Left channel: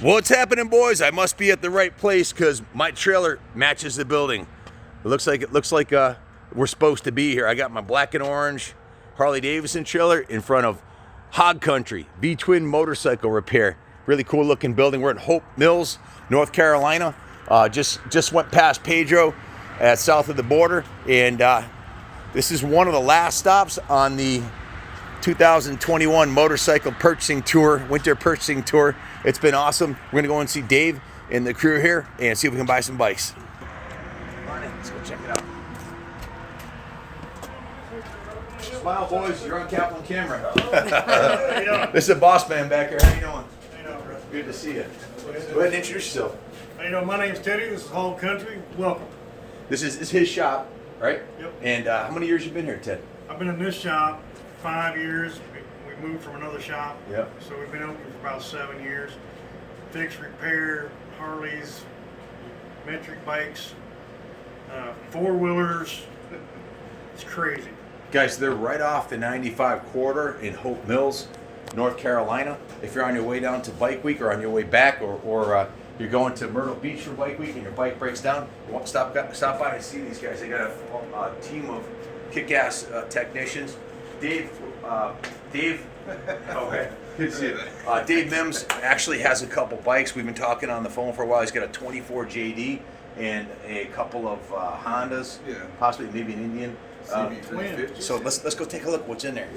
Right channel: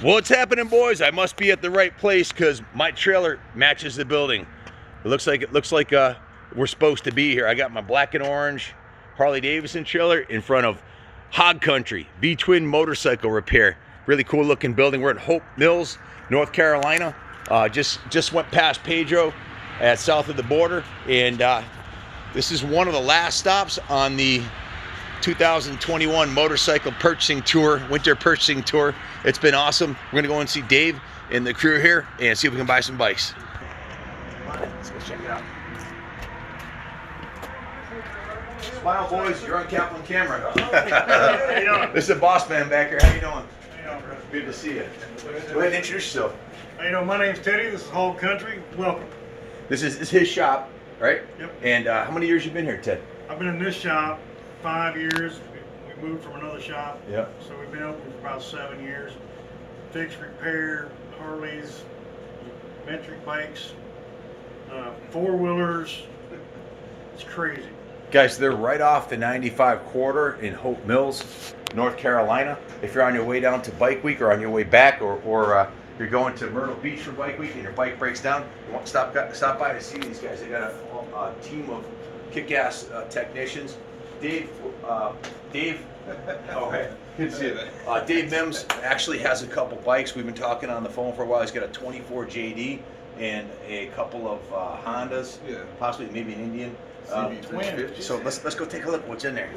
What's happening, boys? I must be at the right place because my trailer matches the building. It looks like we're supposed to be here. I got my black and orange Harley Davidson trailer in front of Hog Country V-twin motorcycle repair. Really cool looking building. We're at Hope Mills, North Carolina. Just went past Pedro at south of the border, and this is one of the last stops on the 2021 motorcycle purchasing tour, winter purchasing tour. It's been awesome. We're gonna go and see Dave and the crew here and see if we can buy some bikes. Come on in, let's go check it out. Smile, boys, you're on Kaplan camera. This is the boss man back here. How you doing? How you doing, bro? Good to see you. Go ahead and introduce yourself. How you doing? My name's Teddy. This is Hog Country. Welcome. This is his shop, right? Yep. And how many years you been here, Ted? I've been in this shop 5 years. We moved from another shop. Yep. So we've been open for about 7 years. Fix, repair, Harleys, metric bikes, four-wheelers. It's crazy. Guys, they're right off the 95 corridor in Hope Mills, North Carolina. If you're on your way down to Bike Week or on your way back, or you're going to Myrtle Beach for Bike Week and your bike breaks down, you want to stop by and see these guys. They got a team of kick-ass technicians. Dave, oh, hey, good to see you. Dave Mims actually has a couple bikes. We've been talking on the phone for a while. He's got a 24 JD and a couple of Hondas, possibly maybe an Indian. CB350'S. So let's go take a look what's in there.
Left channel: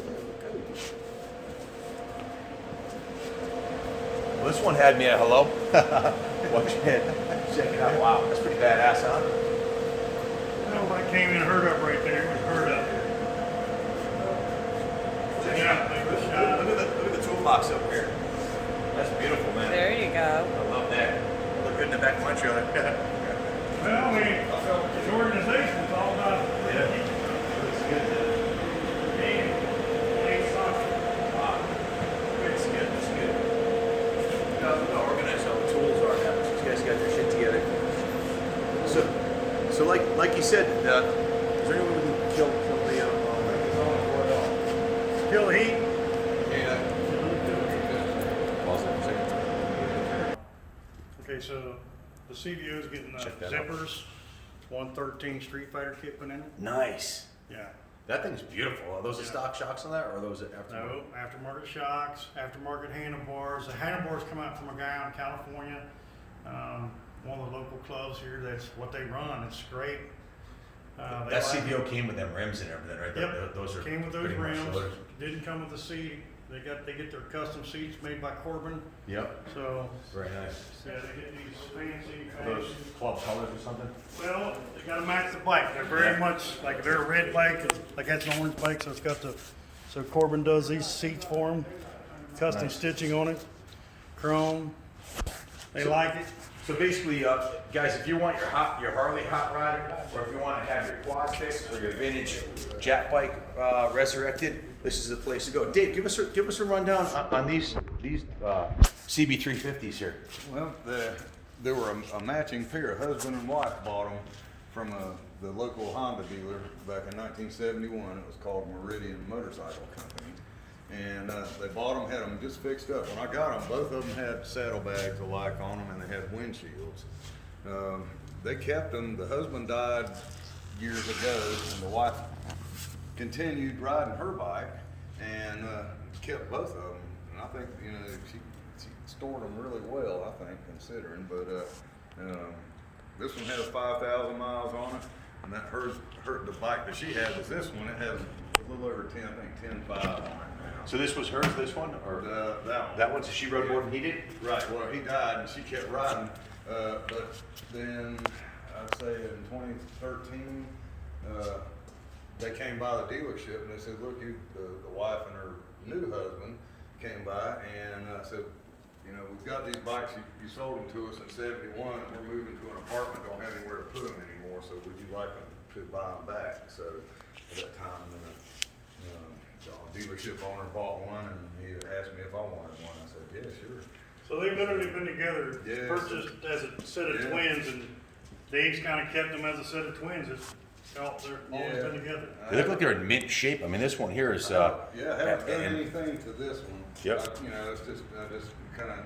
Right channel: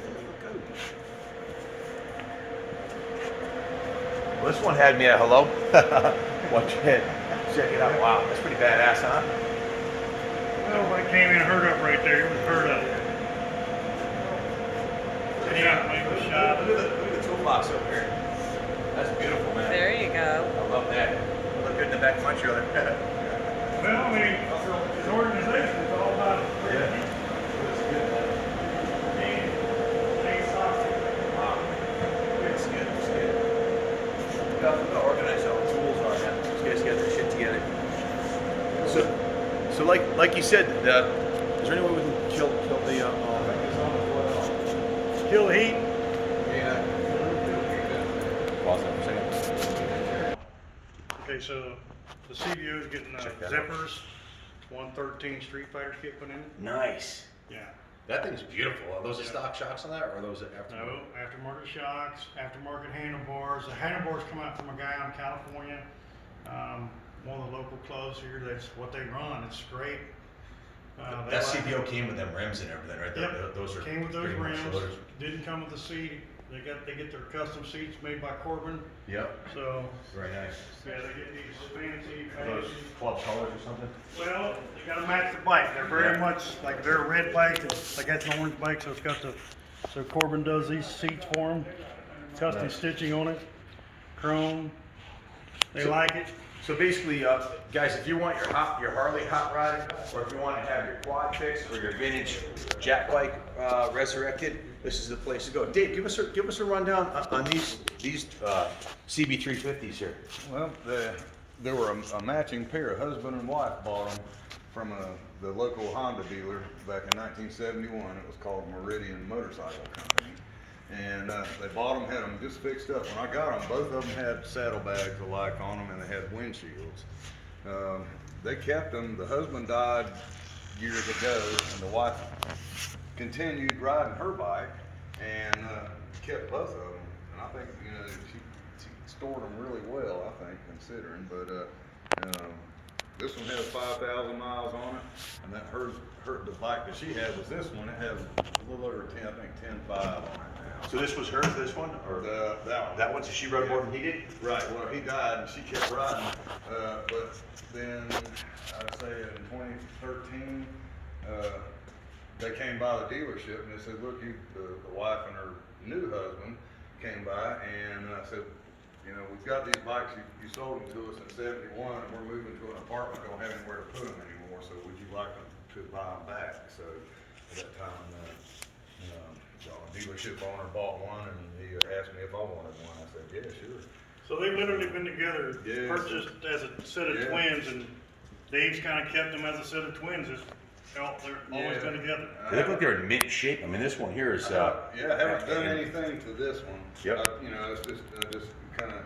Well, this one had me at hello. Check it out. Wow, that's pretty badass, huh? Everybody came in, hurt up right there. Hurt up. Yeah, make the shot. Look at the toolbox up here. That's beautiful, man. There you go. I love that. Look good in the back of my trailer. Well, I mean, his organization is all about. Yeah. Looks good, man. It's good. It's good. Look how organized all the tools are, man. These guys got their shit together. So like you said, is there anyone who can kill the Kill the heat. Okay, so the CBO is getting zippers, 113 Street Fighter kit put in it. Nice. Yeah. That thing's beautiful. Are those the stock shocks on that, or are those aftermarket? No, aftermarket shocks, aftermarket handlebars. The handlebars come out from a guy in California, one of the local clubs here. That's what they run. It's great. That CBO came with them rims and everything, right? Yep. Those are Came with those pretty much rims. yours. Didn't come with the seat. They get their custom seats made by Corbin. Yep. So Very nice. yeah, they get these fancy. Are those club colors or something? Well, they gotta match the bike. They're very much like they're a red bike. Like that's an orange bike, so it's got the. So Corbin does these seats for them. Custom stitching on it. Chrome. They like it. So basically, guys, if you want your Harley hot rod, or if you want to have your quad fixed or your vintage jet bike resurrected, this is the place to go. Dave, give us a rundown on these CB350'S here. Well, there were a matching pair. A husband and wife bought them from the local Honda dealer back in 1971. It was called Meridian Motorcycle Company. And they bought them, had them just fixed up. When I got them, both of them had saddlebags alike on them, and they had windshields. They kept them. The husband died years ago, and the wife continued riding her bike and kept both of them. And I think she stored them really well, I think, considering. But this one has 5,000 miles on it, and that the bike that she had was this one. It has a little over 10, I think 10.5 on it. So this was hers, this one, or that one? So she rode more than he did. Right. Well, he died, and she kept riding. But then I'd say in 2013, they came by the dealership and they said, "Look, the wife and her new husband came by, and I said, we've got these bikes. You sold them to us in '71, and we're moving to an apartment. Don't have anywhere to put them anymore. So would you like to buy them back?" So at that time, the dealership owner bought one, and he asked me if I wanted one. I said, "Yeah, sure." So they've literally been together, Yeah, purchased as a set of twins, and Dave's kind of kept them as a set of twins. They're always been together. They look like they're in mint shape. I mean, this one here is. I haven't done anything to this one. Yep. It's just kind of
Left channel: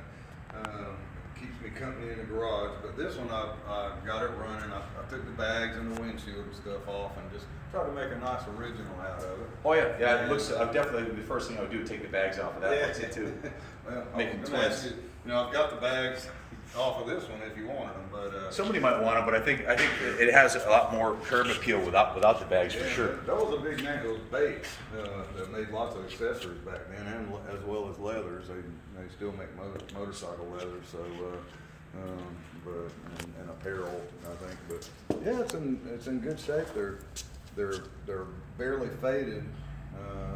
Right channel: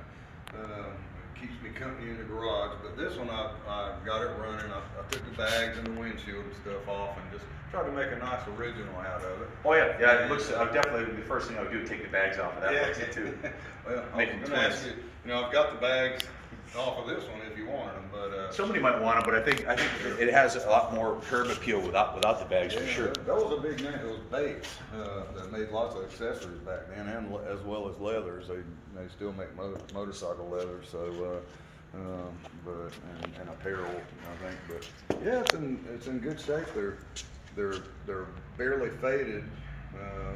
company in the garage, but this one I got it running. I took the bags and the windshield and stuff off and just tried to make a nice original out of it. Oh yeah, yeah. It looks definitely the first thing I would do is take the bags off of that. Yeah. Looks it too. Well, Make them twist. you know, I've got the bags off of this one if you wanted them, but Somebody might want them, but I think it has a lot more curb appeal without the bags for sure. That was a big name. Those Bates that made lots of accessories back then, and as well as leathers. They still make motorcycle leather, so and apparel, I think. But yeah, it's in good shape. They're barely faded.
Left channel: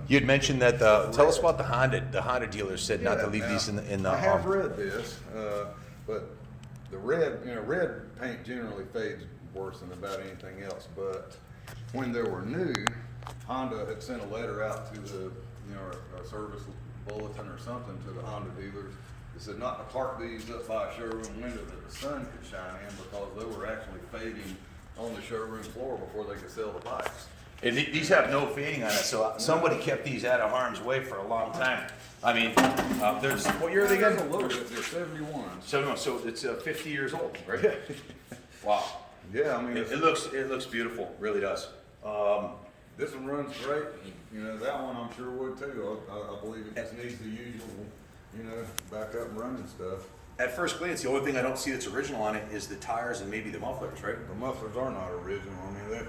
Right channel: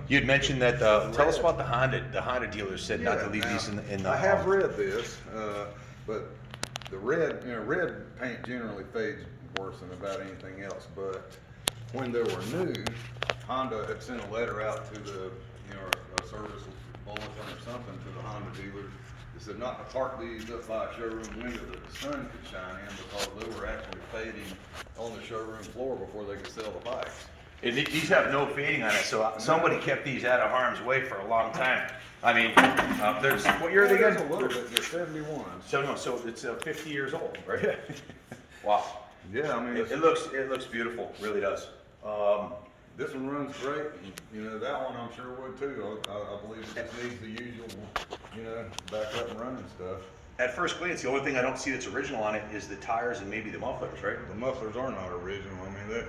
You'd mentioned that. Tell us about the Honda. The Honda dealers said not to leave these in the. I have read this, but the red paint generally fades worse than about anything else. But when they were new, Honda had sent a letter out to the a service bulletin or something to the Honda dealers. They said not to park these up by a showroom window that the sun could shine in because they were actually fading on the showroom floor before they could sell the bikes. And these have no fading on it, so somebody kept these out of harm's way for a long time. I mean, there's what year are they again? A little bit. They're 71. So it's 50 years old, right? Yeah. Wow. Yeah, I mean It looks beautiful, really does. this one runs great. That one I'm sure would too. I believe it just needs the usual, back up and running stuff. At first glance, the only thing I don't see that's original on it is the tires and maybe the mufflers, right? The mufflers are not original. I mean,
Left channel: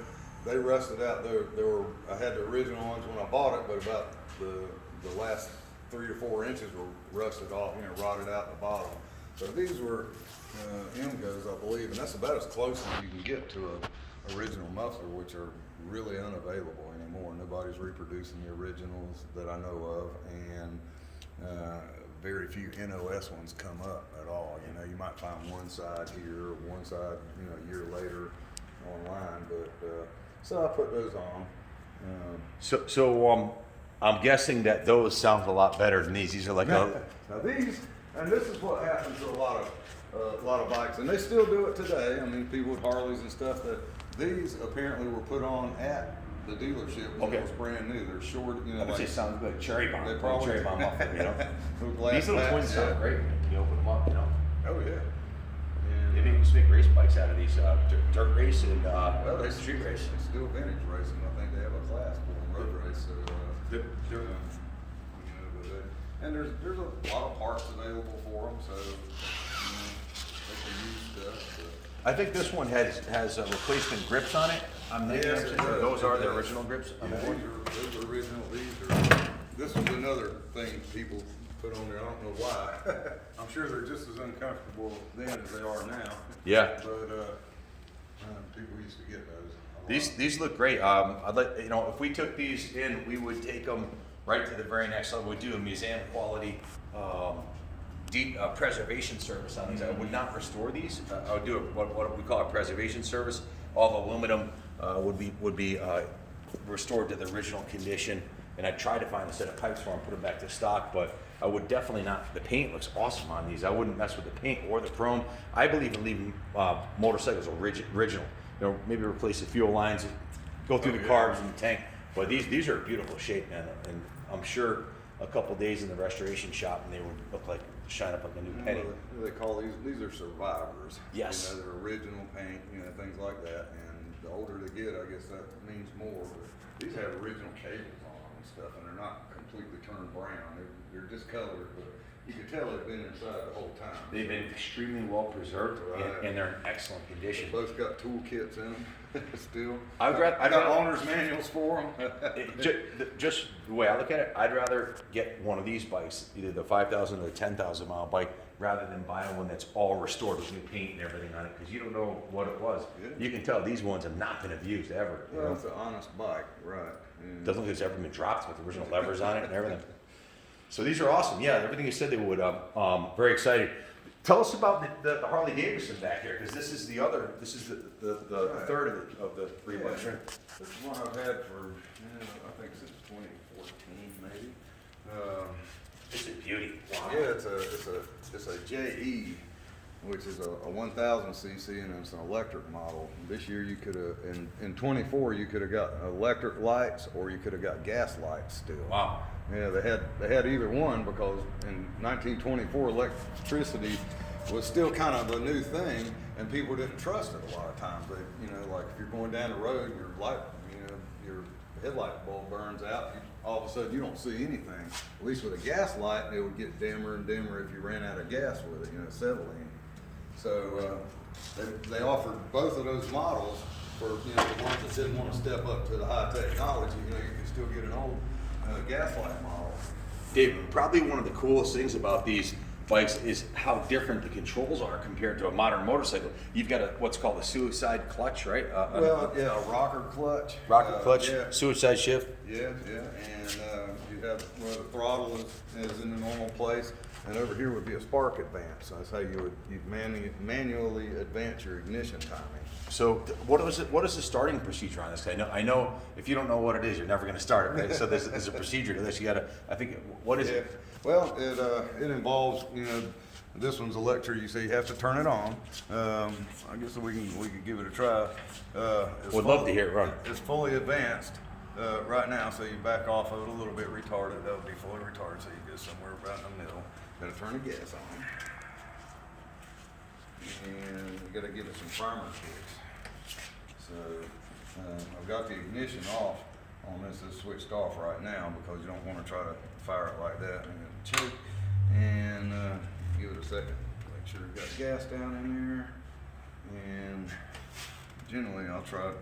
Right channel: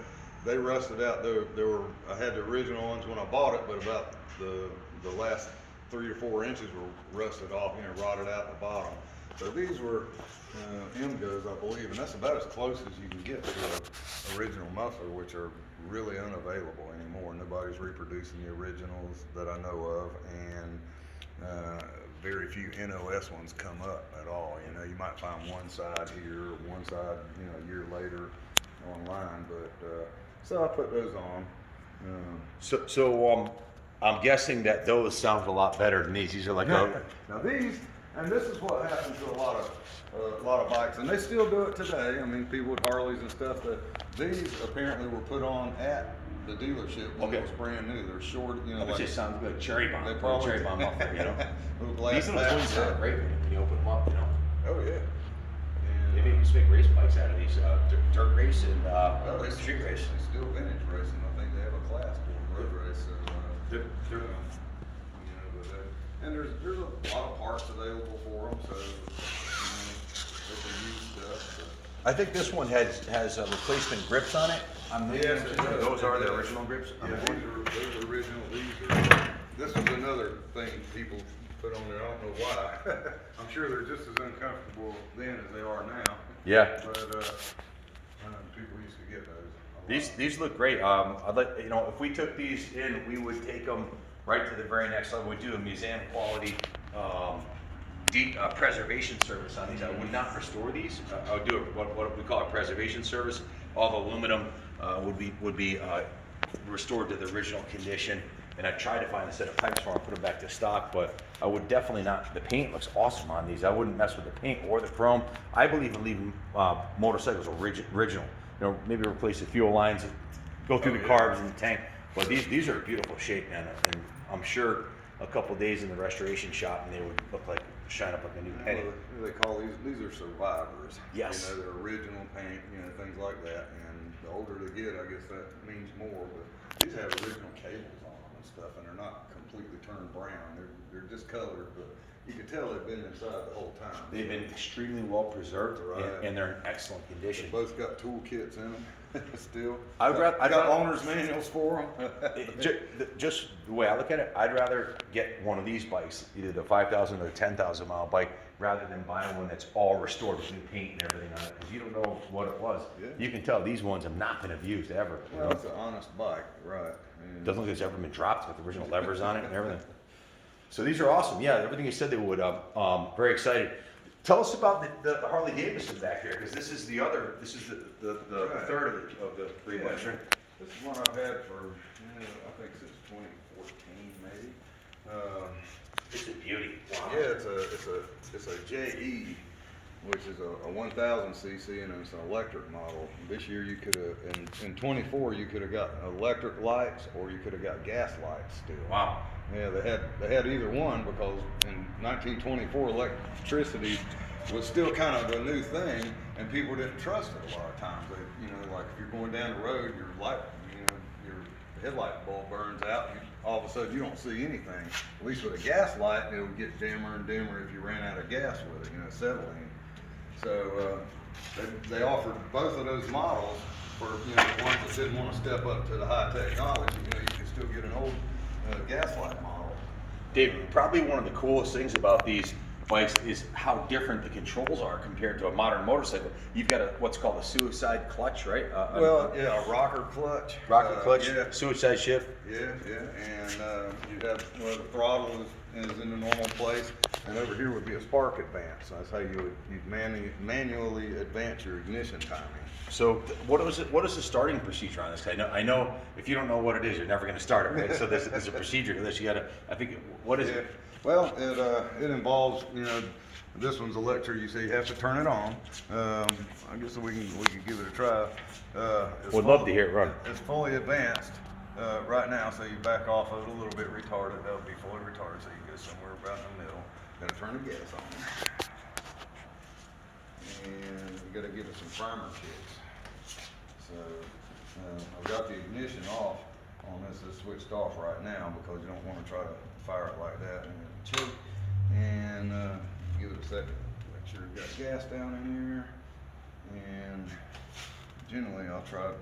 they rusted out. I had the original ones when I bought it, but about the last 3 or 4 inches were rusted off, rotted out the bottom. So these were M-Goes, I believe, and that's about as close as you can get to an original muffler, which are really unavailable anymore. Nobody's reproducing the originals that I know of, and very few NOS ones come up at all. You might find one side here, or one side, a year later online, but so I put those on. So I'm guessing that those sound a lot better than these. These are like Now these, and this is what happens to a lot of bikes, and they still do it today. I mean, people with Harleys and stuff. These apparently were put on at the dealership when it was brand new. They're short, That just sounds like cherry bomb. They probably- Cherry bomb muffler, These These little twins sound great when you open them up, Oh yeah. Maybe you used to make race bikes out of these, dirt race and Well, it's street race. It's still vintage racing. I think they have a class for them, road race. So, and there's a lot of parts available for them, so they can use stuff. But I think this one has replacement grips on it. Yes, it does. Those are It the does. original grips. Yeah, those are original. This was another thing people put on there. I don't know why. I'm sure they're just as uncomfortable then as they are now. Yeah. But people used to get those. These look great. I'd like, if we took these in, we would take them right to the very next level. We'd do a museum quality deep preservation service on these. I would not restore these. I would do what we call a preservation service. All the aluminum would be restored to the original condition. And I tried to find a set of pipes for them, put them back to stock, but I would definitely not. The paint looks awesome on these. I wouldn't mess with the paint or the chrome. I believe in leaving motorcycles original. Maybe replace the fuel lines, go through the carbs in the tank. But these are in beautiful shape, man. And I'm sure a couple days in the restoration shop and they would look like shine up like a new penny. They call these are survivors. Yes. They're original paint, things like that. And the older they get, I guess that means more. But these have original cables on them and stuff, and they're not completely turned brown. They're discolored, but you can tell they've been inside the whole time. They've been extremely well preserved, Right. and they're in excellent condition. Both got toolkits in them still. I'd got rather- owner's manuals for them. Just the way I look at it, I'd rather get one of these bikes, either the 5,000 or the 10,000 mile bike, rather than buy one that's all restored with new paint and everything on it, because you don't know what it was. Yeah. You can tell these ones have not been abused ever. Well, it's an honest bike, right? And Doesn't look like it's ever been dropped with original levers on it and everything. So these are awesome. Yeah, everything you said they would. Very excited. Tell us about the Harley Davidson back here, because this is the third of the three bikes, right? This is one I've had for, I think since 2014 maybe. It's a beauty. Wow. Yeah, it's a JE, which is a 1000 cc and it's an electric model. This year you could have, in 24 you could have got electric lights or you could have got gas lights still. Wow. Yeah, they had either one because in 1924 electricity was still kind of a new thing, and people didn't trust it a lot of times. They, you know, like if you're going down the road, your light, you know, your headlight bulb burns out, all of a sudden you don't see anything. At least with a gas light, it would get dimmer and dimmer if you ran out of gas with it, you know, settling. So they offered both of those models for, you know, the ones that didn't want to step up to the high technology. You know, you can still get an old gas light model. Dave, probably one of the coolest things about these bikes is how different the controls are compared to a modern motorcycle. You've got what's called a suicide clutch, right? Well, yeah, a rocker clutch. Rocker clutch, yeah. suicide shift. Yeah, and you have, well, the throttle is in the normal place, and over here would be a spark advance. So that's how you'd manually advance your ignition timing. So what is the starting procedure on this? I know if you don't know what it is, you're never going to start it, right? So there's a procedure to this. You got to, I think, what is it? Well, it involves, you know, this one's electric. You see, you have to turn it on. I guess we can give it a try. We'd love to hear it run. It's fully advanced right now, so you back off of it a little bit retarded. That would be fully retarded, so you go somewhere right in the middle. Got to turn the gas on, and you got to give it some primer kicks. So I've got the ignition off on this. It's switched off right now because you don't want to try to fire it like that and choke. And give it a second. Make sure you've got gas down in there. And generally, I'll try to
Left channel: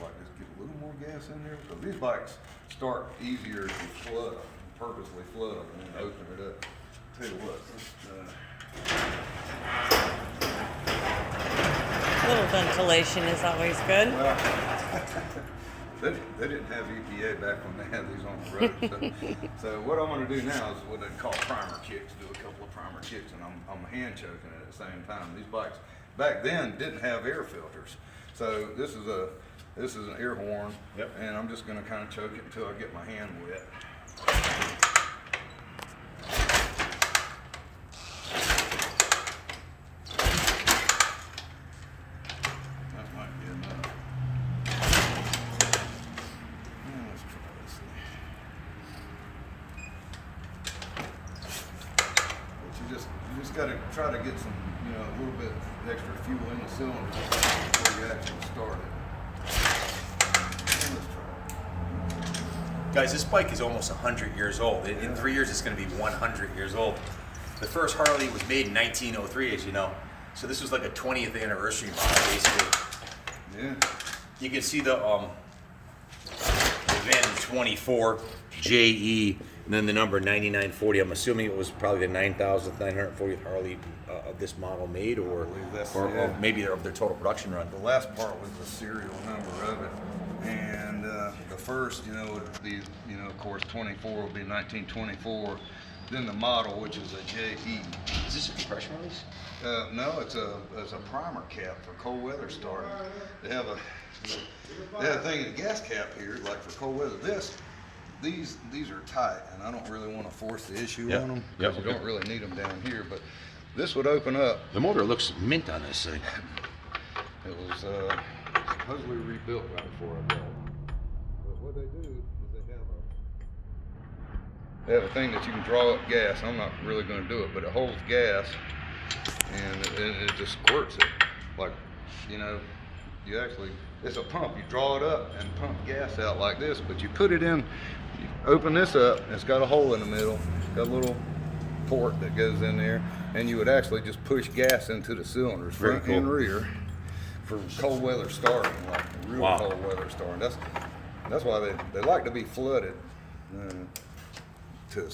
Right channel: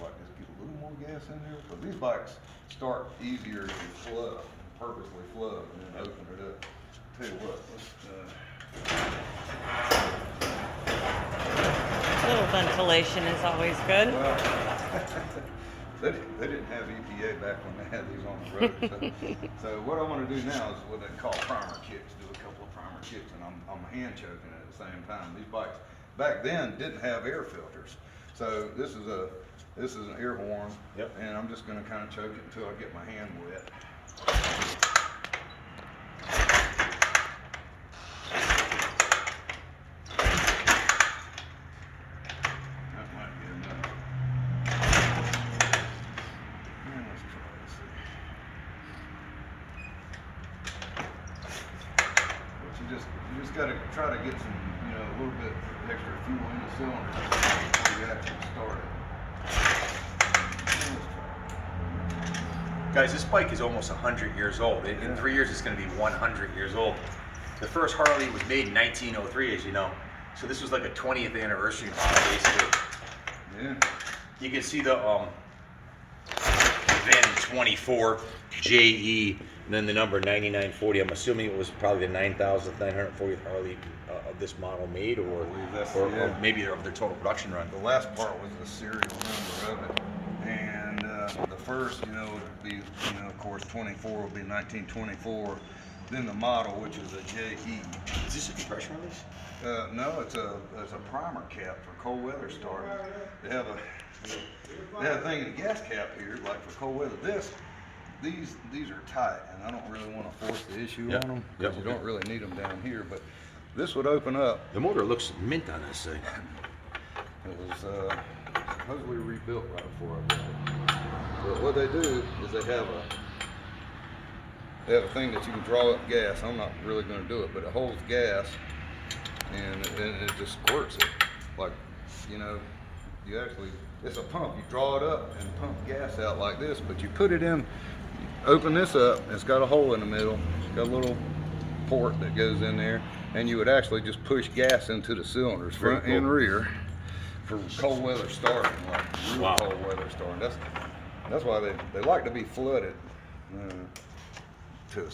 like just get a little more gas in there because these bikes start easier if you flood them, purposely flood them, and then open it up. Tell you what, A little ventilation is always good. well, they didn't have EPA back when they had these on the road. So what I'm going to do now is what they call primer kicks. Do a couple of primer kicks, and I'm hand choking it at the same time. These bikes back then didn't have air filters, so this is an air horn, yep. And I'm just going to kind of choke it until I get my hand wet. That might be enough. And let's try this thing. But you just got to try to get some, you know, a little bit extra fuel in the cylinder before you actually start it. And let's try it. Guys, this bike is almost 100 years old. In 3 years, it's going to be 100 years old. The first Harley was made in 1903, as you know. So this was like a 20th anniversary model, basically. Yeah. You can see the Advantage 24 JE, and then the number 9940. I'm assuming it was probably the 9,940th Harley of this model made, or believe that's- or yeah. maybe of their total production run. The last part was the serial number of it. And the first, you know, would be, you know, of course, 24 would be 1924. Then the model, which is a JE. Is this a compression release? No, it's a primer cap for cold weather start. They have a thing in the gas cap here, like for cold weather. These are tight, and I don't really want to force the issue on them because you don't really need them down here. But this would open up. The motor looks mint on this thing. It was supposedly rebuilt right before I bought it. But what they do is they have a thing that you can draw up gas. I'm not really going to do it, but it holds gas, and it just squirts it. Like, you know, it's a pump. You draw it up and pump gas out like this, but you put it in, you open this up, and it's got a hole in the middle. It's got a little port that goes in there, and you would actually just push gas into the cylinders, front and rear, for cold weather starting, like real cold weather starting. That's why they like to be flooded to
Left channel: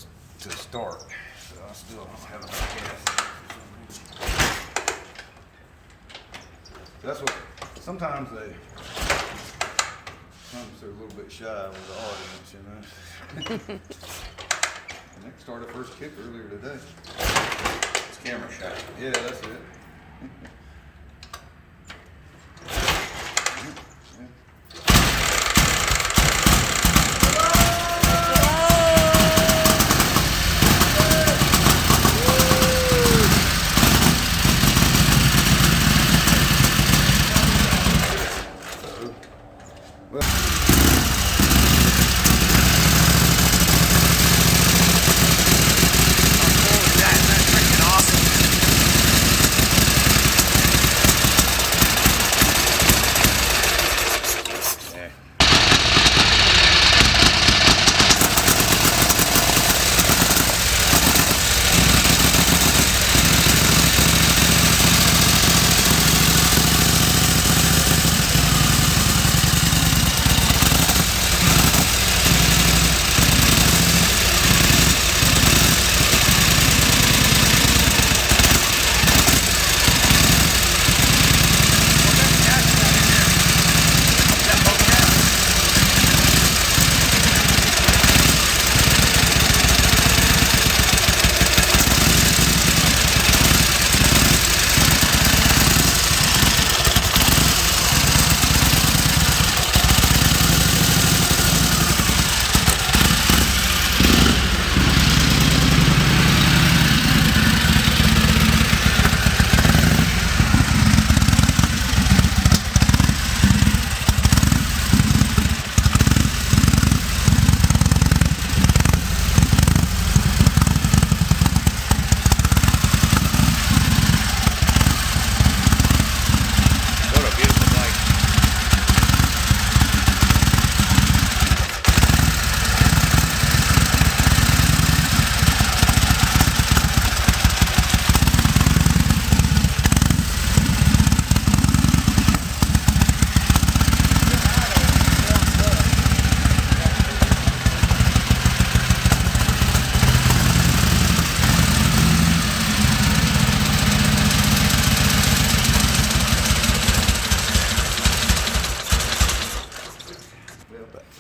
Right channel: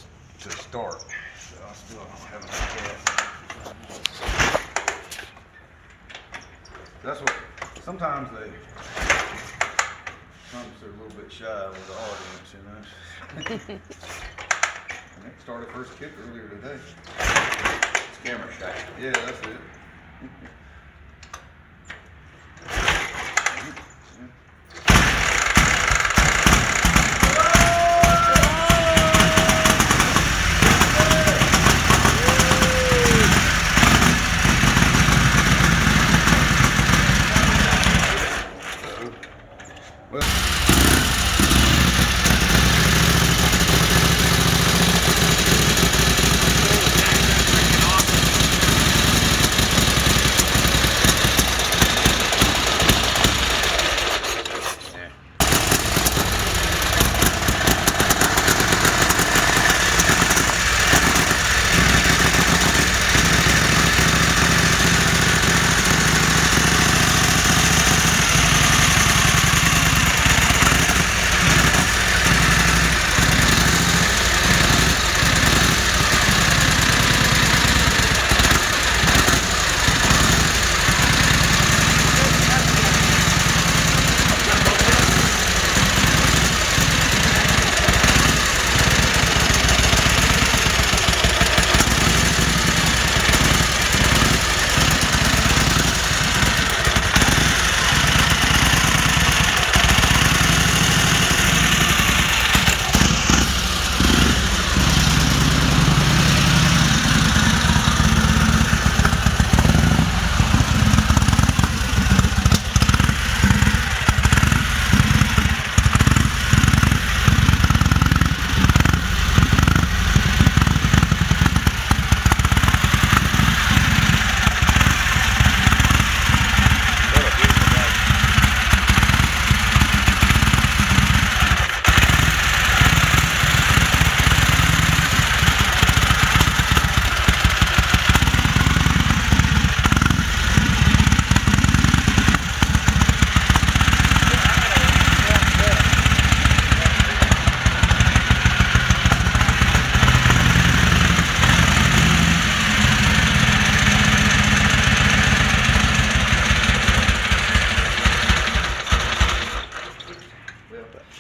start. So I still don't have enough gas. That's what sometimes they're a little bit shy with the audience, you know. Nick started first kick earlier today. It's camera shy. Yeah, that's it.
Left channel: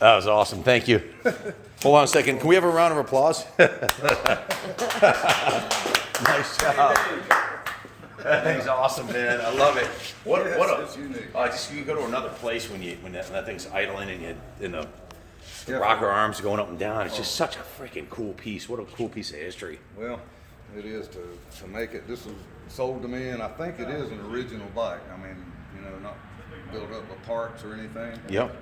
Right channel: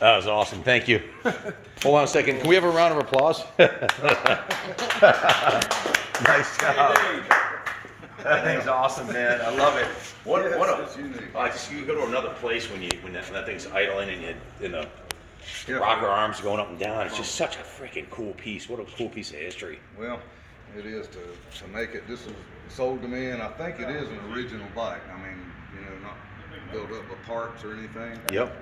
That was awesome. Thank you. Hold on a second. Can we have a round of applause? Nice job. That thing's awesome, man. I love it. It's unique. You go to another place when that thing's idling and the rocker arms going up and down. It's just such a freaking cool piece. What a cool piece of history. Well, it is to make it. This was sold to me, and I think it is an original bike. I mean, not built up with parts or anything. Yep.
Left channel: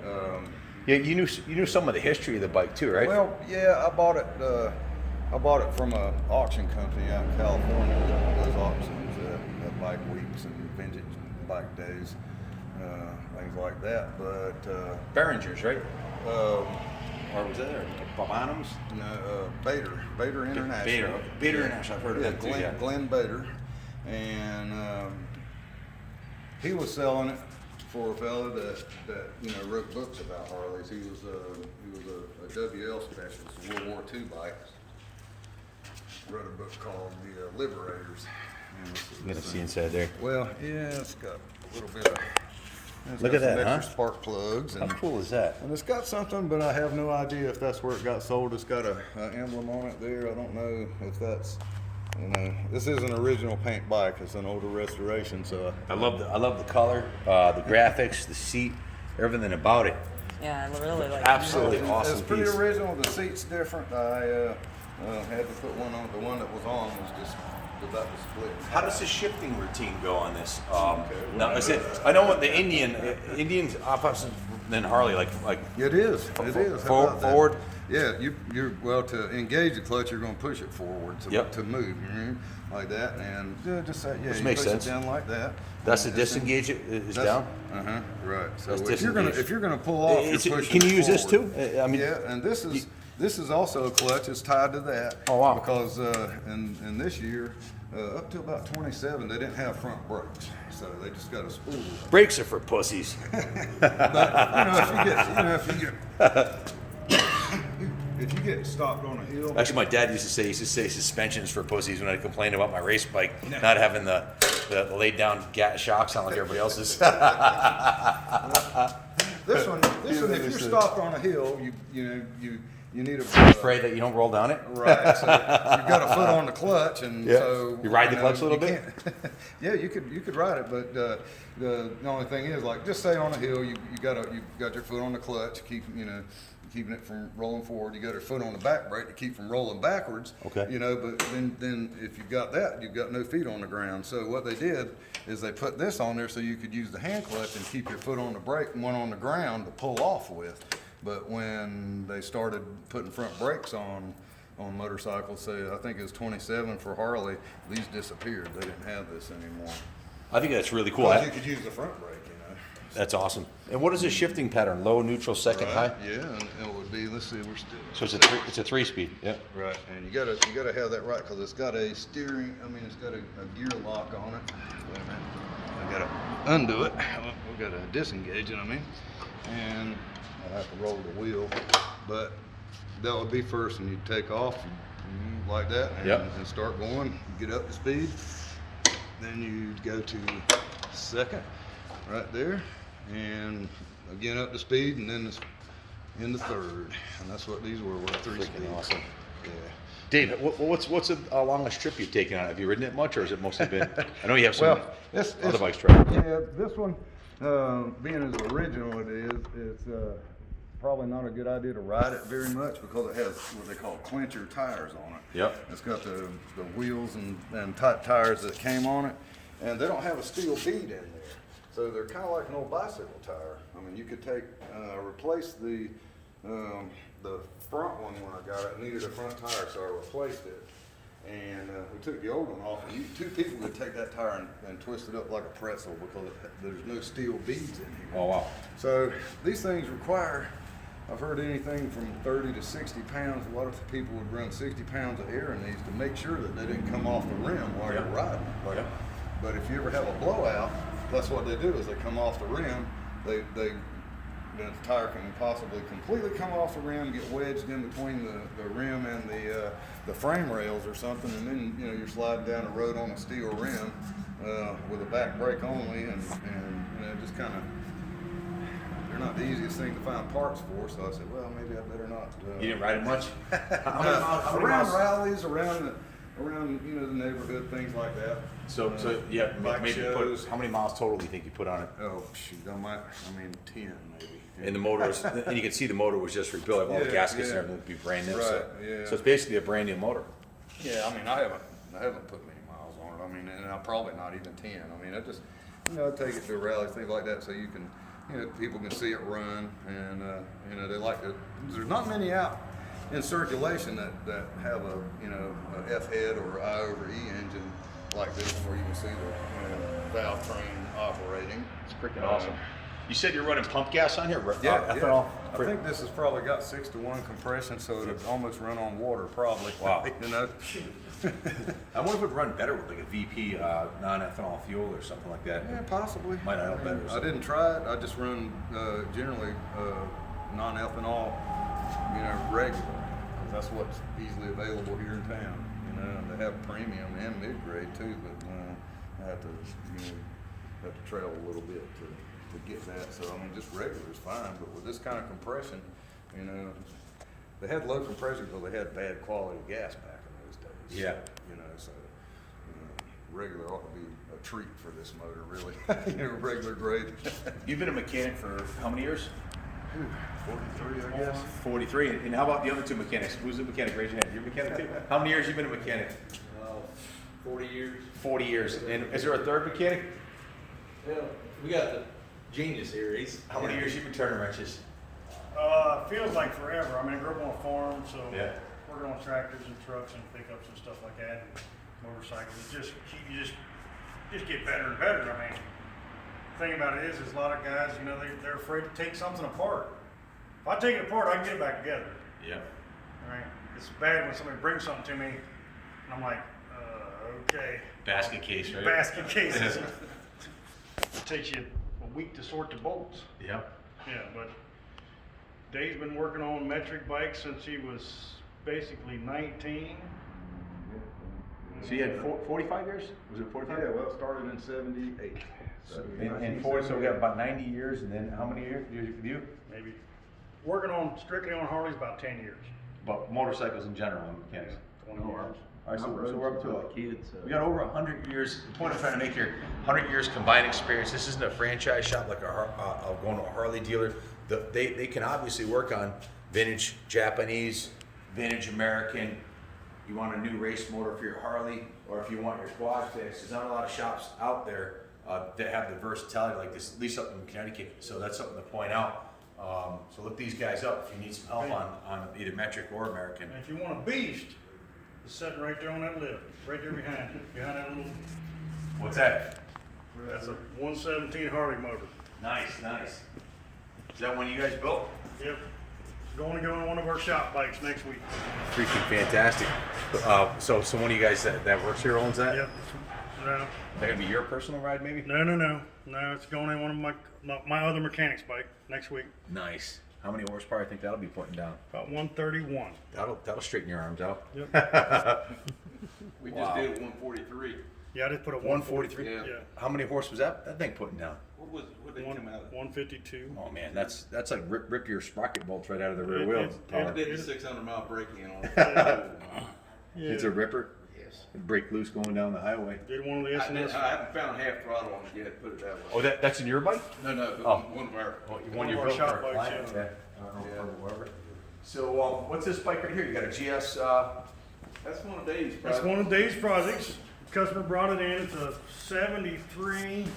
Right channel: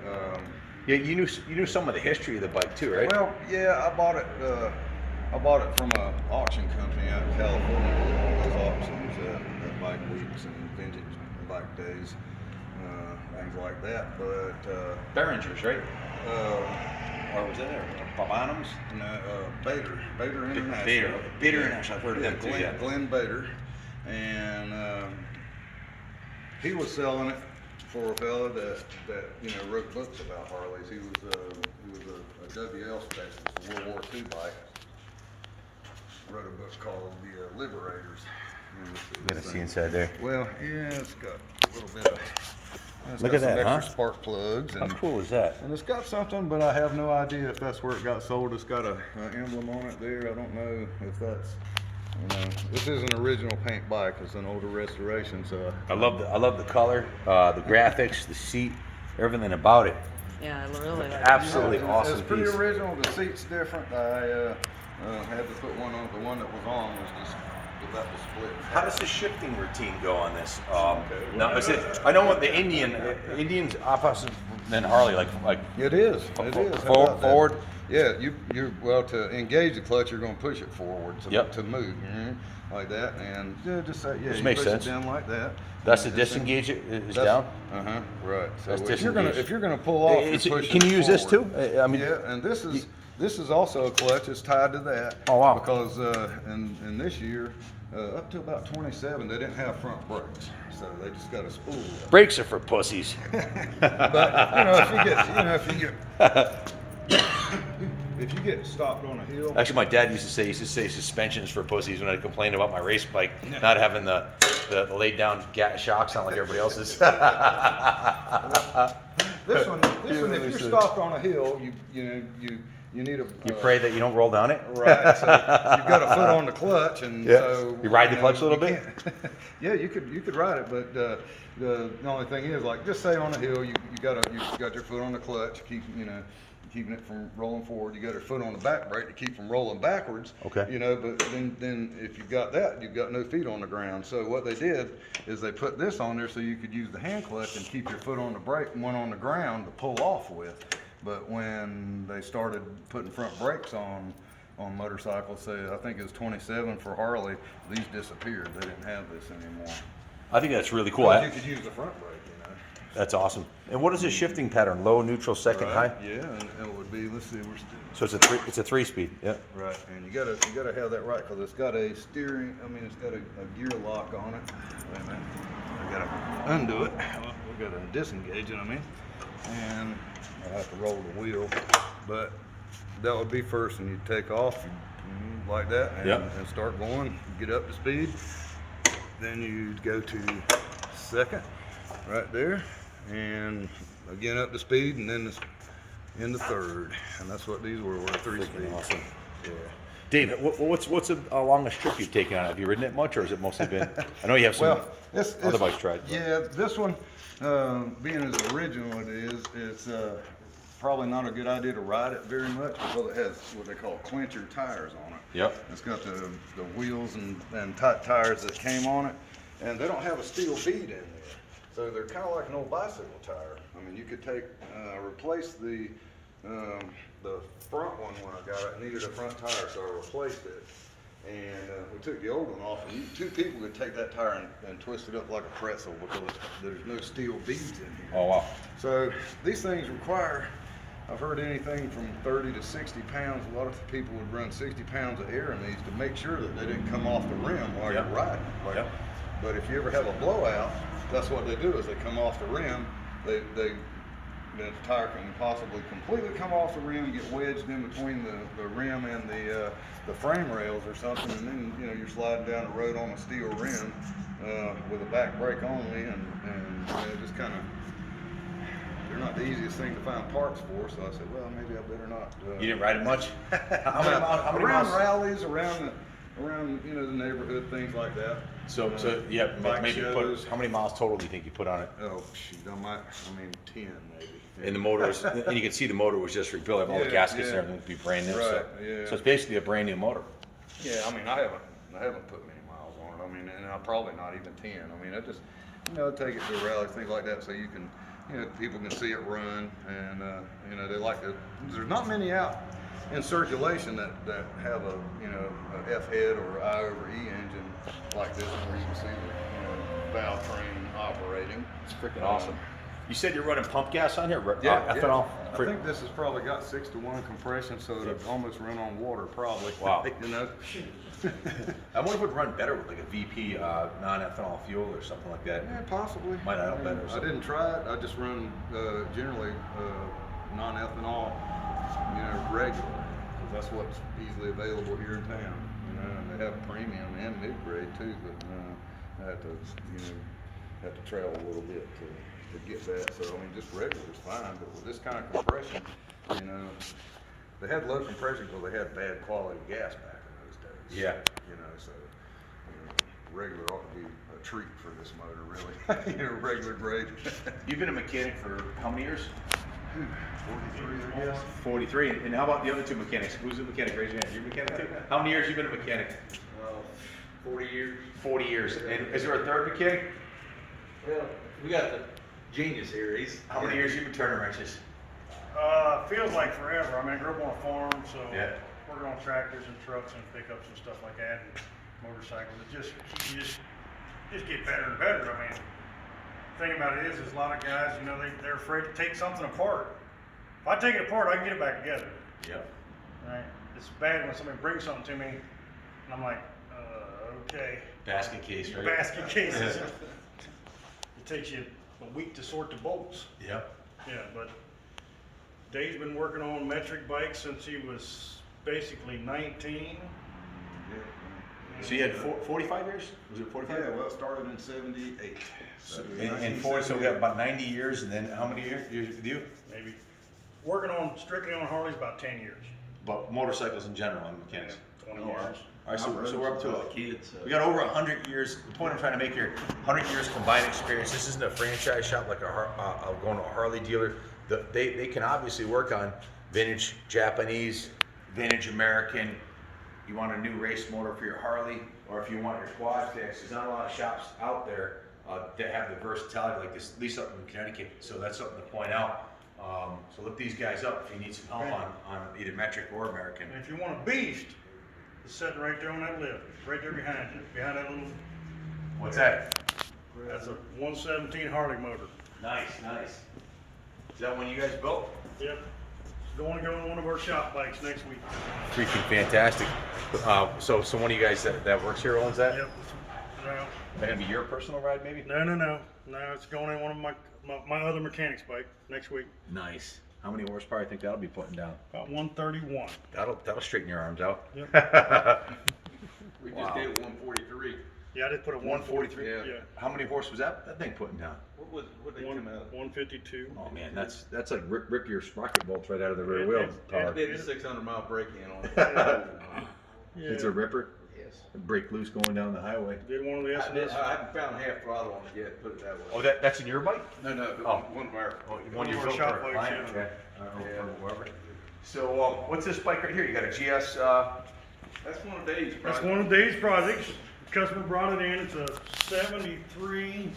Yeah, you knew some of the history of the bike too, right? Well, yeah, I bought it from an auction company out in California. Those auctions at bike weeks and vintage bike days, things like that. But Behringer's, right? Or was that Bonhams? No, Bader International. Bader International. I've heard of them too. Yeah. Glenn Bader, and he was selling it for a fella that wrote books about Harleys. He was a WL specialist, a World War II bike. Wrote a book called The Liberators. You gotta see inside there. Well, yeah, it's got a little bit of. Look got at some that, extra huh? spark plugs. How cool is that? And it's got something, but I have no idea if that's where it got sold. It's got a emblem on it there. I don't know if that's. This is an original paint bike. It's an older restoration, so I love the color, the graphics, the seat, everything about it. Yeah, I really like Absolutely It's awesome pretty piece. original. The seat's different. I had to put one on. The one that was on was just about to split. How does the shifting routine go on this? Now, is it? I know what the Indians opposite than Harley, like It is. How about that? forward. Yeah, you're to engage the clutch, you're going to push it forward to move like that, and just say you makes push sense. it down like that. That's the and disengage is down. Right. So That's if you're gonna pull off, you're pushing can you use this too? forward. I mean, Yeah, and this is also a clutch. It's tied to that. Oh, wow. Because in this year, up to about 27, they didn't have front brakes, so they just got a spool. brakes are for pussies. If you get stopped on a hill. Actually, my dad used to say suspensions for pussies when I complained about my race bike not having the laid down shocks on like everybody else's. This one, if you're stopped on a hill, you need a Pray that you don't roll down it. right. So you've got a foot on the clutch, and so You ride the clutch a little bit? Yeah, you could ride it, but the only thing is, like, just say on a hill, you got your foot on the clutch, keeping it from rolling forward. You got your foot on the back brake to keep from rolling backwards. Okay. But then if you've got that, you've got no feet on the ground. So what they did is they put this on there so you could use the hand clutch and keep your foot on the brake and one on the ground to pull off with. But when they started putting front brakes on motorcycles, say I think it was 27 for Harley, these disappeared. They didn't have this anymore. I think that's really cool. Well, you could use the front brake, That's awesome. And what is the shifting pattern? Low, neutral, second, Right, high? yeah, and it would be. Let's see, we're still. So it's a 3-speed. Yeah. Right, and you gotta have that right because it's got a steering. I mean, it's got a gear lock on it. Wait a minute, I gotta undo it. We gotta disengage it. And I have to roll the wheel, but that would be first when you take off, like that, and start going. Get up to speed. Then you go to second, right there. And again up to speed, and then into third, and that's what these were 3 speeds. Awesome. Yeah. Dave, what's the longest trip you've taken on? Have you ridden it much, or has it mostly been? I know you have some other bikes tried. Yeah, this one, being as original it is, it's probably not a good idea to ride it very much because it has what they call clincher tires on it. Yep. It's got the wheels and tight tires that came on it, and they don't have a steel bead in there. So they're kind of like an old bicycle tire. I mean, you could replace the front one when I got it. It needed a front tire, so I replaced it. And we took the old one off, and 2 people could take that tire and twist it up like a pretzel because there's no steel beads in here. Oh, wow. So these things require, I've heard anything from 30 to 60 pounds. A lot of people would run 60 pounds of air in these to make sure that they didn't come off the rim while you're riding. But if you ever have a blowout, that's what they do is they come off the rim. The tire can possibly completely come off the rim, get wedged in between the rim and the frame rails or something, and then you're sliding down the road on a steel rim with a back brake only, and it just kind of they're not the easiest thing to find parts for. So I said, well, maybe I better not. You didn't ride it much? How many Around miles? rallies, around you know, the neighborhood, things like that. So yeah, bike maybe shows. how many miles total do you think you put on it? Oh shoot, I mean 10 maybe. And the motor was, and you can see the motor was just rebuilt. All the Yeah, gaskets yeah. and everything would be brand new. Right, So, yeah. so it's basically a brand new motor. Yeah, I mean, I haven't put many miles on it. I mean, and I'm probably not even 10. I mean, I just, you know, I take it to rallies, things like that, so you can, you know, people can see it run, and you know, they like it. There's not many out in circulation that have a, you know, a F head or I over E engine like this one, where you can see the, you know, valve train operating. It's freaking awesome. You said you're running pump gas on here? Yeah, ethanol. I think this has probably got 6-to-1 compression, so it'd almost run on water, probably. Wow. You know. I wonder if it would run better with like a VP non-ethanol fuel or something like that. Yeah, possibly. Might not help better or I something. didn't try it. I just run generally non-ethanol, you know, regular, because that's what's easily available here in town. You know, and they have premium and mid-grade too, but I had to, you know, trail a little bit to get that. So I mean, just regular is fine, but with this kind of compression, you know, they had low compression because they had bad quality gas back in those days. Yeah. You know, so you know, regular ought to be a treat for this motor, really. You know, regular grade. You've been a mechanic for how many years? 43, I guess. 43. And how about the other two mechanics? Who's the mechanic? Raise your hand. You're a mechanic too? How many years you been a mechanic? 40 years. 40 years. And is there a third mechanic? Well, we got the genius here. He's How many years you been turning wrenches? Feels like forever. I mean, I grew up on a farm, so Yeah. working on tractors and trucks and pickups and stuff like that, and motorcycles. You just get better and better. I mean, the thing about it is a lot of guys, you know, they're afraid to take something apart. If I take it apart, I can get it back together. Yeah. Right? It's bad when somebody brings something to me, and I'm like, okay. Basket case, right? Basket cases. It takes you a week to sort the bolts. Yep. Yeah, but Dave's been working on metric bikes since he was basically 19. So you had 45 years? Was it 45? Yeah, well, it started in 78. So And 40, so we got about 90 years, and then how many years with you? Maybe working on strictly on Harleys about 10 years. But motorcycles in general and mechanics. 20 Oh, years. All right, so we're up to a kids. We got over 100 years. The point I'm trying to make here, 100 years combined experience. This isn't a franchise shop like going to a Harley dealer. They can obviously work on vintage Japanese, vintage American. You want a new race motor for your Harley, or if you want your quad fixed, there's not a lot of shops out there that have the versatility like this, at least up in Connecticut. So that's something to point out. So look these guys up if you need some help on either metric or American. And if you want a beast, it's sitting right there on that lift, right there behind you, behind that little. What's that? That's a 117 Harley motor. Nice, nice. Is that one you guys built? Yep. Going to go on one of our shop bikes next week. Freaking fantastic. So one of you guys that works here owns that? Yep. No, Maybe your personal ride, maybe? no. It's going in one of my other mechanics bike next week. Nice. How many horsepower I think that'll be putting down? About 131. That'll straighten your arms out. Yep. We Wow. just did 143. Yeah, I just put a 143. 143. Yeah. How many horse was that thing putting down? What they come out? 152. Oh man, that's like rip your sprocket bolts right out of the rear It- wheel. it- I did 600-mile braking on it. Yeah. It's a ripper. Yes. Break loose going down the highway. Did one of the I S&S. haven't found half throttle on it yet. Put it that way. Oh, that's in your bike? No, but Oh. one of our. One of you our built shop for a bikes, client? yeah. Yeah. Or whoever. So what's this bike right here? You got a GS? That's one of these. That's one of Dave's projects. Customer brought it in. It's a 73.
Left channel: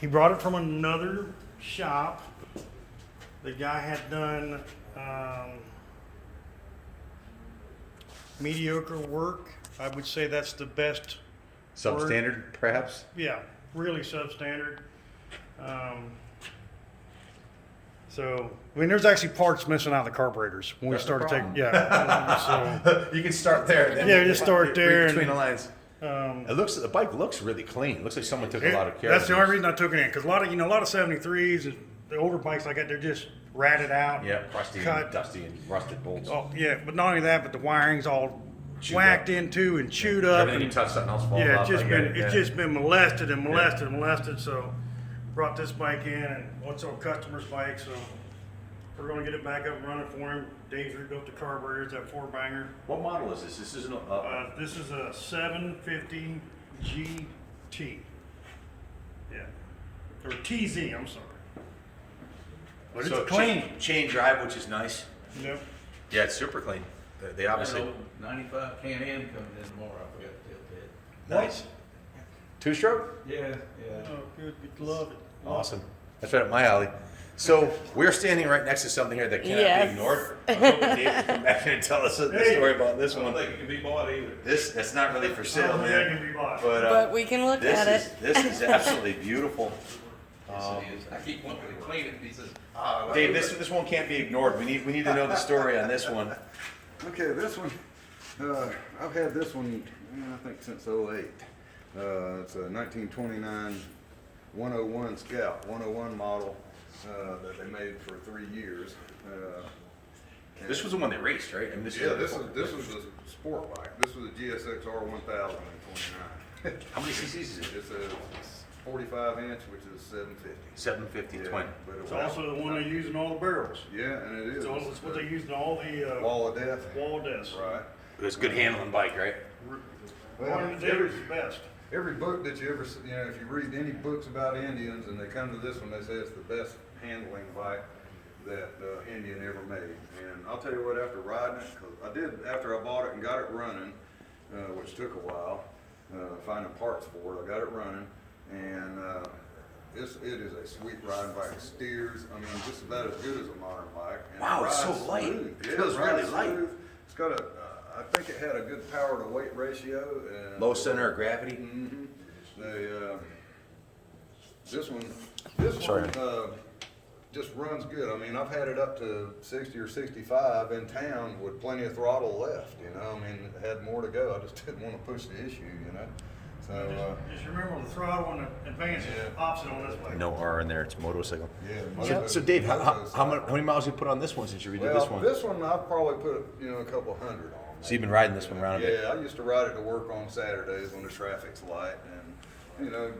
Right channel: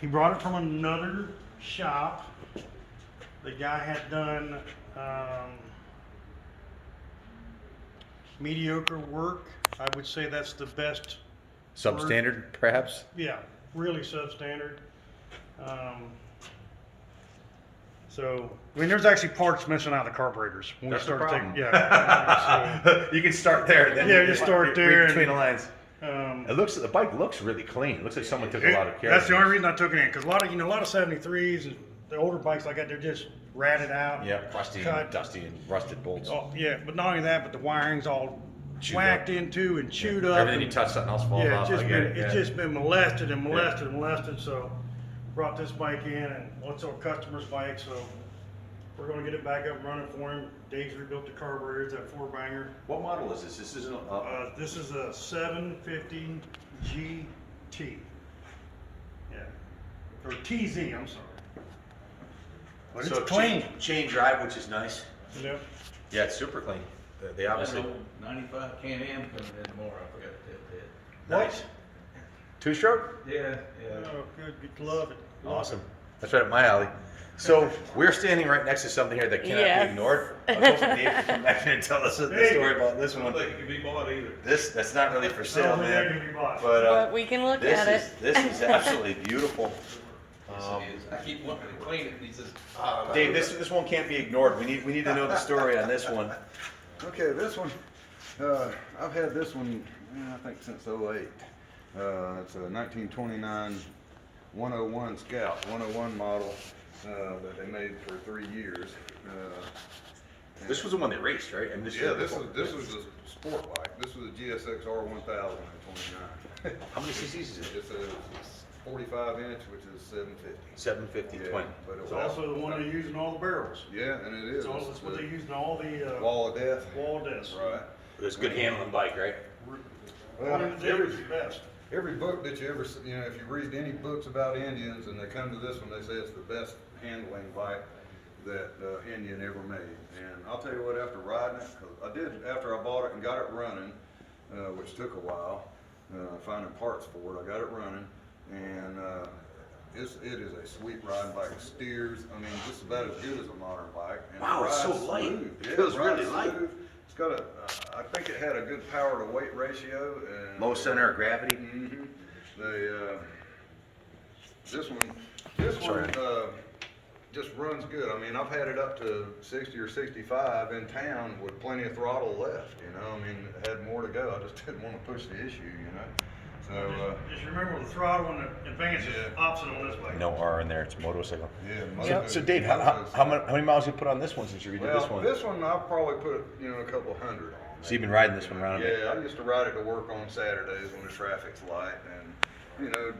He brought it from another shop. The guy had done mediocre work. I would say that's the best. Substandard, perhaps? Yeah, really substandard. So, I mean, there's actually parts missing out of the carburetors when That's we the started taking. problem. Yeah. You can start there. Then Yeah, just start there Between and- the lines. The bike looks really clean. It looks like someone took a lot of care. That's the of only this. reason I took it in, because a lot of 73s and the older bikes like that, they're just ratted out. Yeah, rusty cut. and dusty and rusted bolts. Oh, yeah, but not only that, but the wiring's all Chewed whacked up. into and chewed up. Everything and- you touch, something else falls yeah, off. it's I get it, it's yeah. just been molested and molested and molested. So brought this bike in, and what's our customer's bike, so we're gonna get it back up and running for him. Dave's rebuilt the carburetors, that 4-banger. What model is this? This isn't This is a 750 GT. Yeah, or TZ, I'm sorry. But it's clean. Chain drive, which is nice. Yep. Yeah, it's super clean. They An obviously old 95 Can-Am coming in tomorrow, I forgot to tell you nice. 2-stroke. that. Yeah, Oh, good, love it. Awesome. That's right up my alley. So we're standing right next to something here that cannot Yes. be ignored. I was hoping Dave would come back and tell us the story about this I one. don't think it can be bought either. That's not really for I sale, don't think that man. can be bought. But But we can look this at is it. this is absolutely beautiful. Yes, it is. I keep wanting to clean it, and he says, Dave, this one can't be ignored. We need to know the story on this one. Okay, this one, I've had this one, I think since '08. It's a 1929 101 Scout, 101 model that they made for 3 years. This was the one they raced, right? I mean, Yeah, this was a sport bike. This was a GSX R1000 in '29. How many cc's is it? It's a 45 inch, which is 750. 750 Yeah, twin. but it It's was also the one they use in all the barrels. Yeah, and it is. So it's what they use in all the Wall of Death. wall discs. Right. It was a good handling bike, right? Well, One of the David's the best. every book that you ever, if you read any books about Indians and they come to this one, they say it's the best handling bike that Indian ever made. And I'll tell you what, after riding it, 'cause I did, after I bought it and got it running, which took a while, finding parts for it, I got it running, and it is a sweet riding bike. It steers, I mean, just about as good as a modern bike. And it Wow, it's so rides light. smooth. It Yeah, feels rides really light. smooth. It's got a, I think it had a good power to weight ratio. And Low center of gravity. Mm-hmm. They, this Sorry. one, just runs good. I mean, I've had it up to 60 or 65 in town with plenty of throttle left, you know. I mean, it had more to go. I just didn't want to push the issue, you know. So, Just remember the throttle and the advance is Yeah. opposite on this bike. No R in there. It's a motorcycle. yeah. So Dave, how many miles you put on this one since you redid this one? This one I've probably put, a couple hundred on. So you've been riding this one around a bit. Yeah, I used to ride it to work on Saturdays when the traffic's light, and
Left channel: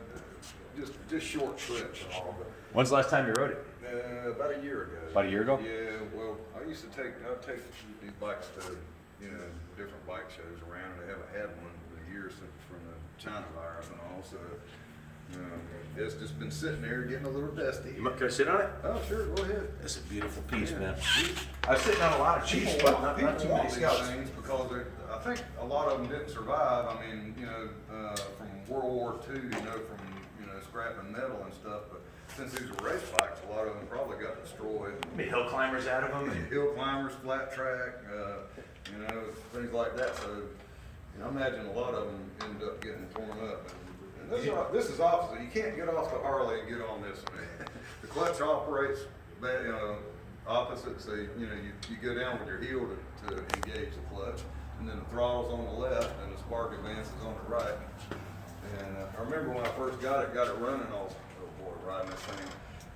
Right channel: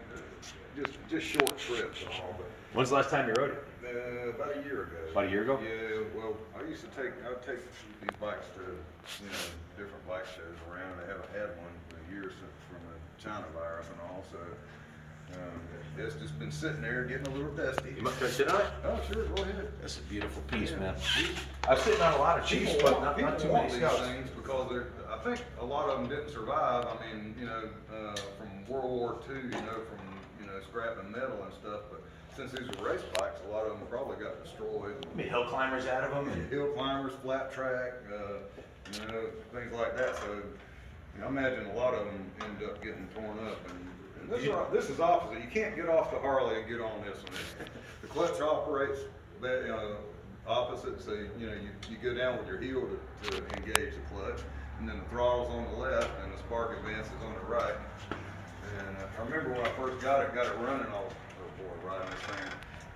just short trips and all. But When's the last time you rode it? about a year ago. About a year ago? Yeah. Well, I'd take these bikes to different bike shows around. They haven't had one in a year since from the China virus and all. So it's just been sitting there getting a little dusty. Can I sit on it? Oh, sure, go ahead. That's a beautiful piece, Yeah. man. I'm sitting on a lot of Chiefs, People but not people too want many these Scouts. things because I think a lot of them didn't survive. I mean, from World War II, from scrapping metal and stuff. But since these were race bikes, a lot of them probably got destroyed. Made hill climbers out of them. And Hill climbers, flat track, things like that. So, I imagine a lot of them end up getting torn up. And this is opposite. You can't get off the Harley and get on this one. The clutch operates opposite. So you go down with your heel to engage the clutch, and then the throttle's on the left, and the spark advance is on the right. And I remember when I first got it running. I was, oh boy, riding this thing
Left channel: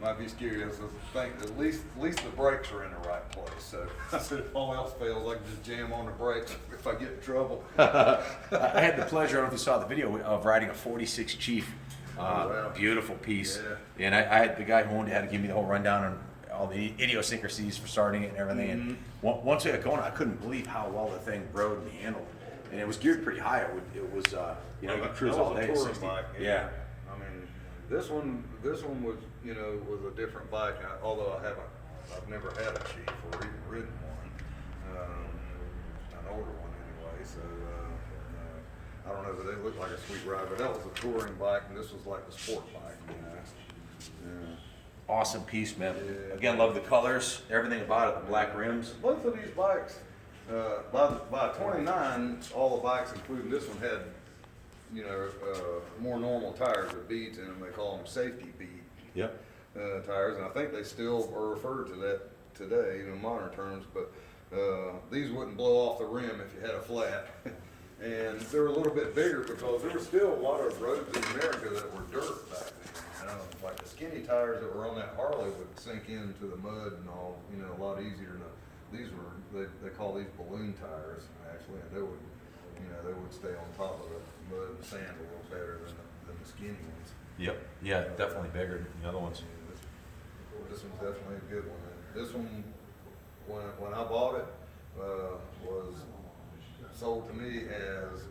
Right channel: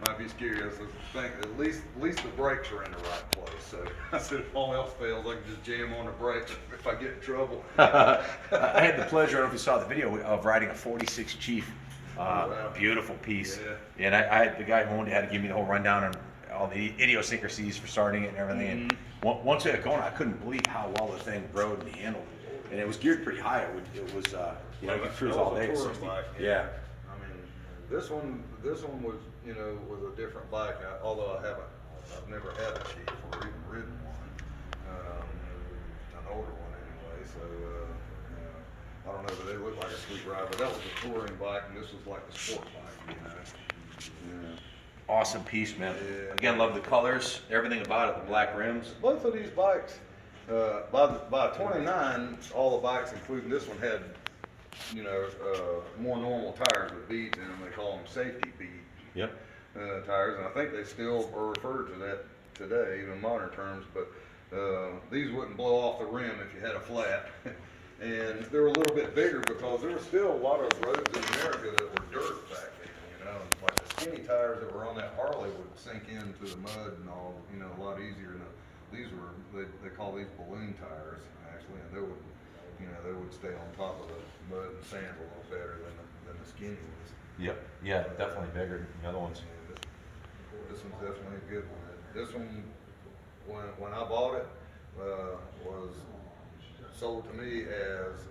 might be scary. I was thinking at least the brakes are in the right place. So I said, if all else fails, I can just jam on the brakes if I get in trouble. I had the pleasure, I don't know if you saw the video, of riding a 46 Chief. wow. Beautiful piece. Yeah. And I had the guy who owned it had to give me the whole rundown on all the idiosyncrasies for starting it and everything. And once we got going, I couldn't believe how well the thing rode and handled. And it was geared pretty high. It was you could cruise all day. That was a touring 60. bike, Yeah. I mean, this one was, was a different bike. Although I've never had a Chief or even ridden one, an older one anyway. So I don't know, but they looked like a sweet ride. But that was a touring bike, and this was like the sport bike, Yeah. Awesome piece, man. Yeah. Again, love the colors, everything about it, the black rims. Both of these bikes, by 29, all the bikes, including this one, had more normal tires with beads in them. They call them safety bead Yep. tires, and I think they still are referred to that today, even in modern terms. But these wouldn't blow off the rim if you had a flat, and they're a little bit bigger because there were still a lot of roads in America that were dirt back then. Like the skinny tires that were on that Harley would sink into the mud and all, a lot easier. These were they call these balloon tires actually, and they would stay on top of the mud and sand a little better than the skinny ones. Yep. Yeah, definitely bigger than the other ones. This one's definitely a good one. This one, when I bought it, was sold to me as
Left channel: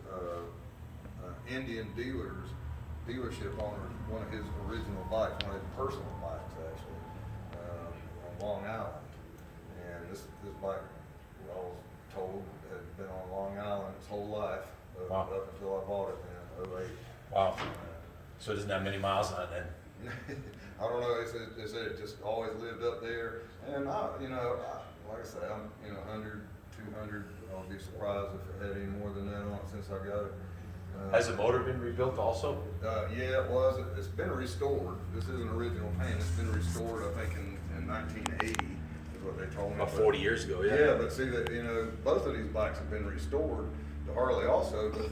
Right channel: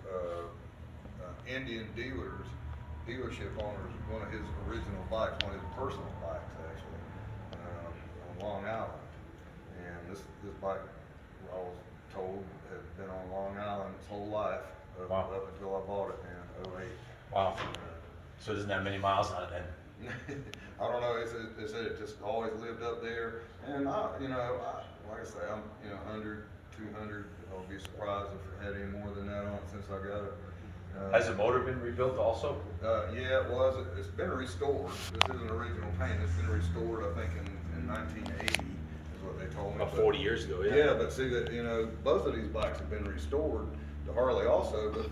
Indian dealership owner's one of his original bikes, one of his personal bikes actually, on Long Island. And this bike, I was told, had been on Long Island its whole life up until I bought it in '08. Wow. So it doesn't have many miles on it then? I don't know. They said it just always lived up there, and like I say, I'm 100, 200. I'll be surprised if it had any more than that on it since I got it. Has the motor been rebuilt also? Yeah, it was. It's been restored. This isn't original paint. It's been restored, I think, in 1980 is what they told me. About 40 years ago, yeah. Yeah, but see that both of these bikes have been restored. The Harley also, but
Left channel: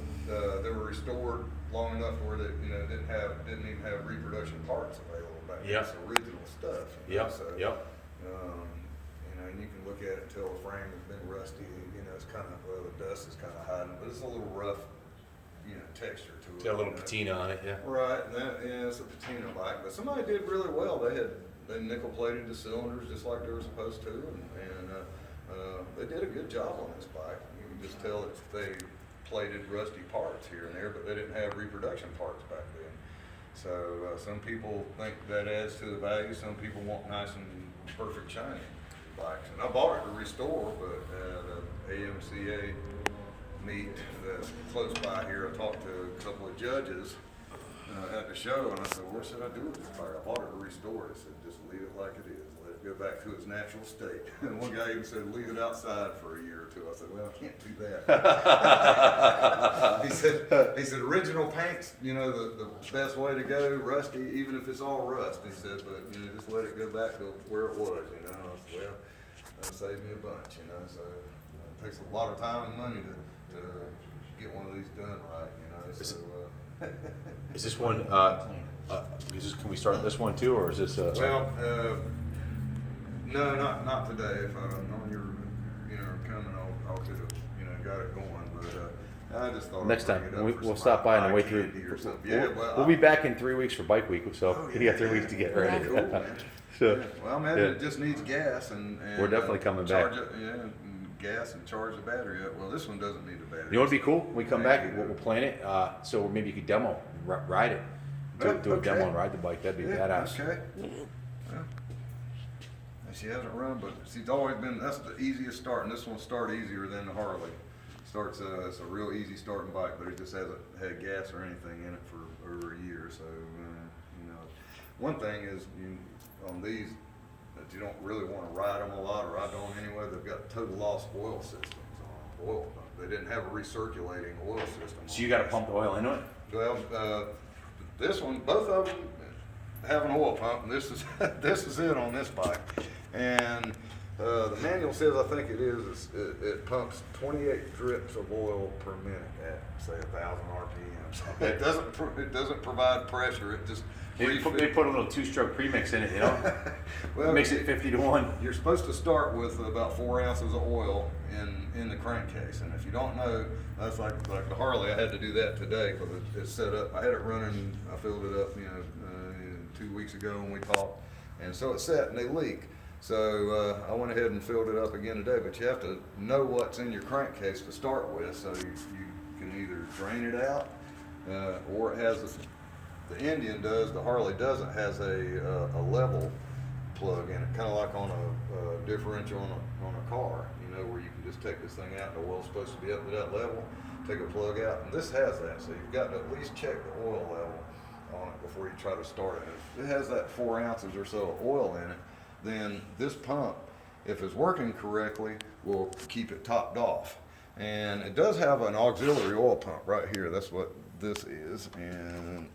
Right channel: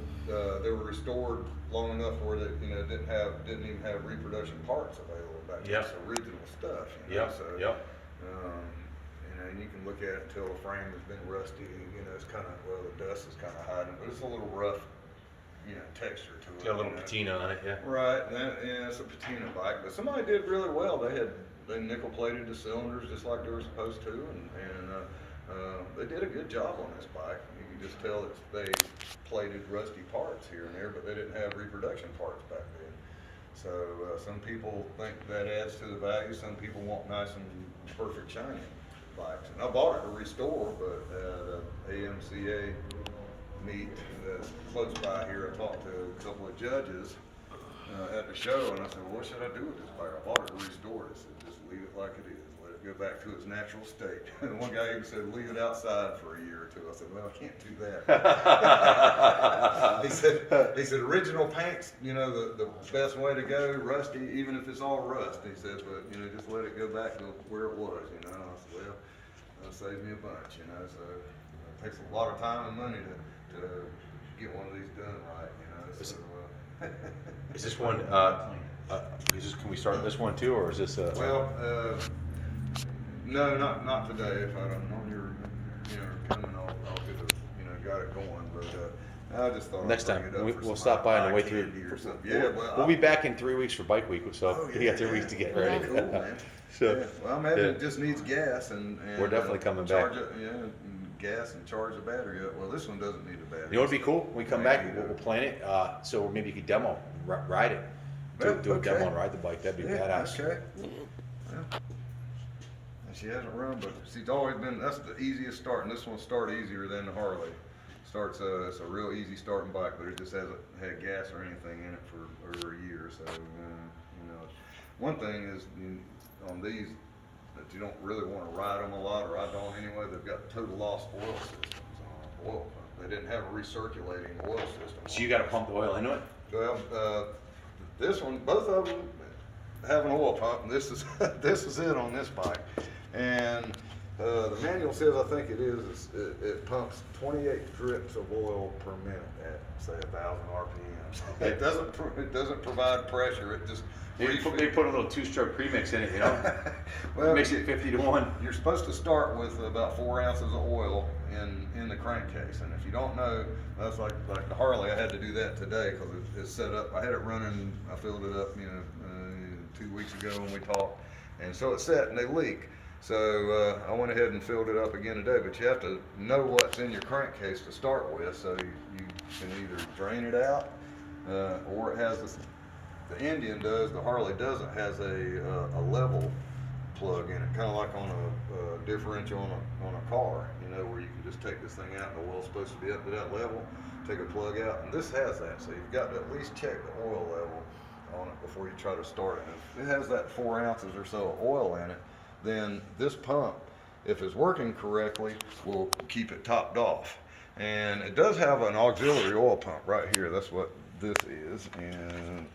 they were restored long enough where they didn't even have reproduction parts available back then. Yeah. It's original stuff. Yeah. So, Yeah. And you can look at it until the frame has been rusty. It's kind of the dust is kind of hiding, but it's a little rough. Texture to it. Got a little patina on it, yeah. Right, and it's a patina bike, but somebody did really well. They nickel plated the cylinders just like they were supposed to, and they did a good job on this bike. You can just tell that they plated rusty parts here and there, but they didn't have reproduction parts back then. So some people think that adds to the value. Some people want nice and perfect shiny bikes. And I bought it to restore, but at AMCA meet that's close by here, I talked to a couple of judges at the show, and I said, well, what should I do with this bike? I bought it to restore it. I said, just leave it like it is. Let it go back to its natural state. And one guy even said, leave it outside for a year or two. I said, well, I can't do that. he said, original paint's, the best way to go, rusty, even if it's all rust. He said, but, just let it go back to where it was, I said, well, that'll save me a bunch, so it takes a lot of time and money to get one of these done right, Is this one, can we start this one too, or is this no, not today. If I don't know you're coming, I'll get it, got it going, but I just thought next I'd time, bring it up for we'll some stop by on the way eye through. candy or something. Yeah, We'll be back in 3 weeks for Bike Week, so you got 3 weeks to get ready. Cool, man. So, yeah. Well, man, it just needs gas and We're definitely coming back. charge it, and gas and charge the battery up. Well, this one doesn't need a battery. You know what'd be cool? When we come back, we'll plan it, so maybe you could demo, ride it. Do a Okay. demo and ride the bike, that'd be badass. Okay. Well, she hasn't run, but she's always been, that's the easiest start, and this one will start easier than the Harley. It's a real easy starting bike, but it just hasn't had gas or anything in it for over a year. So, one thing is on these that you don't really want to ride them a lot, or I don't anyway. They've got total loss oil systems on oil pump. They didn't have a recirculating oil system. So you gotta pump the oil into it? Well, this one, both of them have an oil pump, and this is this is it on this bike. And the manual says, I think it pumps 28 drips of oil per minute at say 1,000 RPMs. It doesn't provide pressure. It just They put a little 2-stroke premix in it, well, Makes it 50 to 1. You're supposed to start with about 4 ounces of oil in the crankcase, and if you don't know, that's like the Harley. I had to do that today because it's set up. I had it running. I filled it up, 2 weeks ago when we talked, and so it's set and they leak. So I went ahead and filled it up again today. But you have to know what's in your crankcase to start with, so you can either drain it out, or it has this. The Indian does, the Harley doesn't, has a level plug in it, kind of like on a differential on a car, where you can just take this thing out and the oil's supposed to be up to that level, take a plug out, and this has that, so you've got to at least check the oil level on it before you try to start it. If it has that 4 ounces or so of oil in it, then this pump, if it's working correctly, will keep it topped off. And it does have an auxiliary oil pump right here. That's what this is, and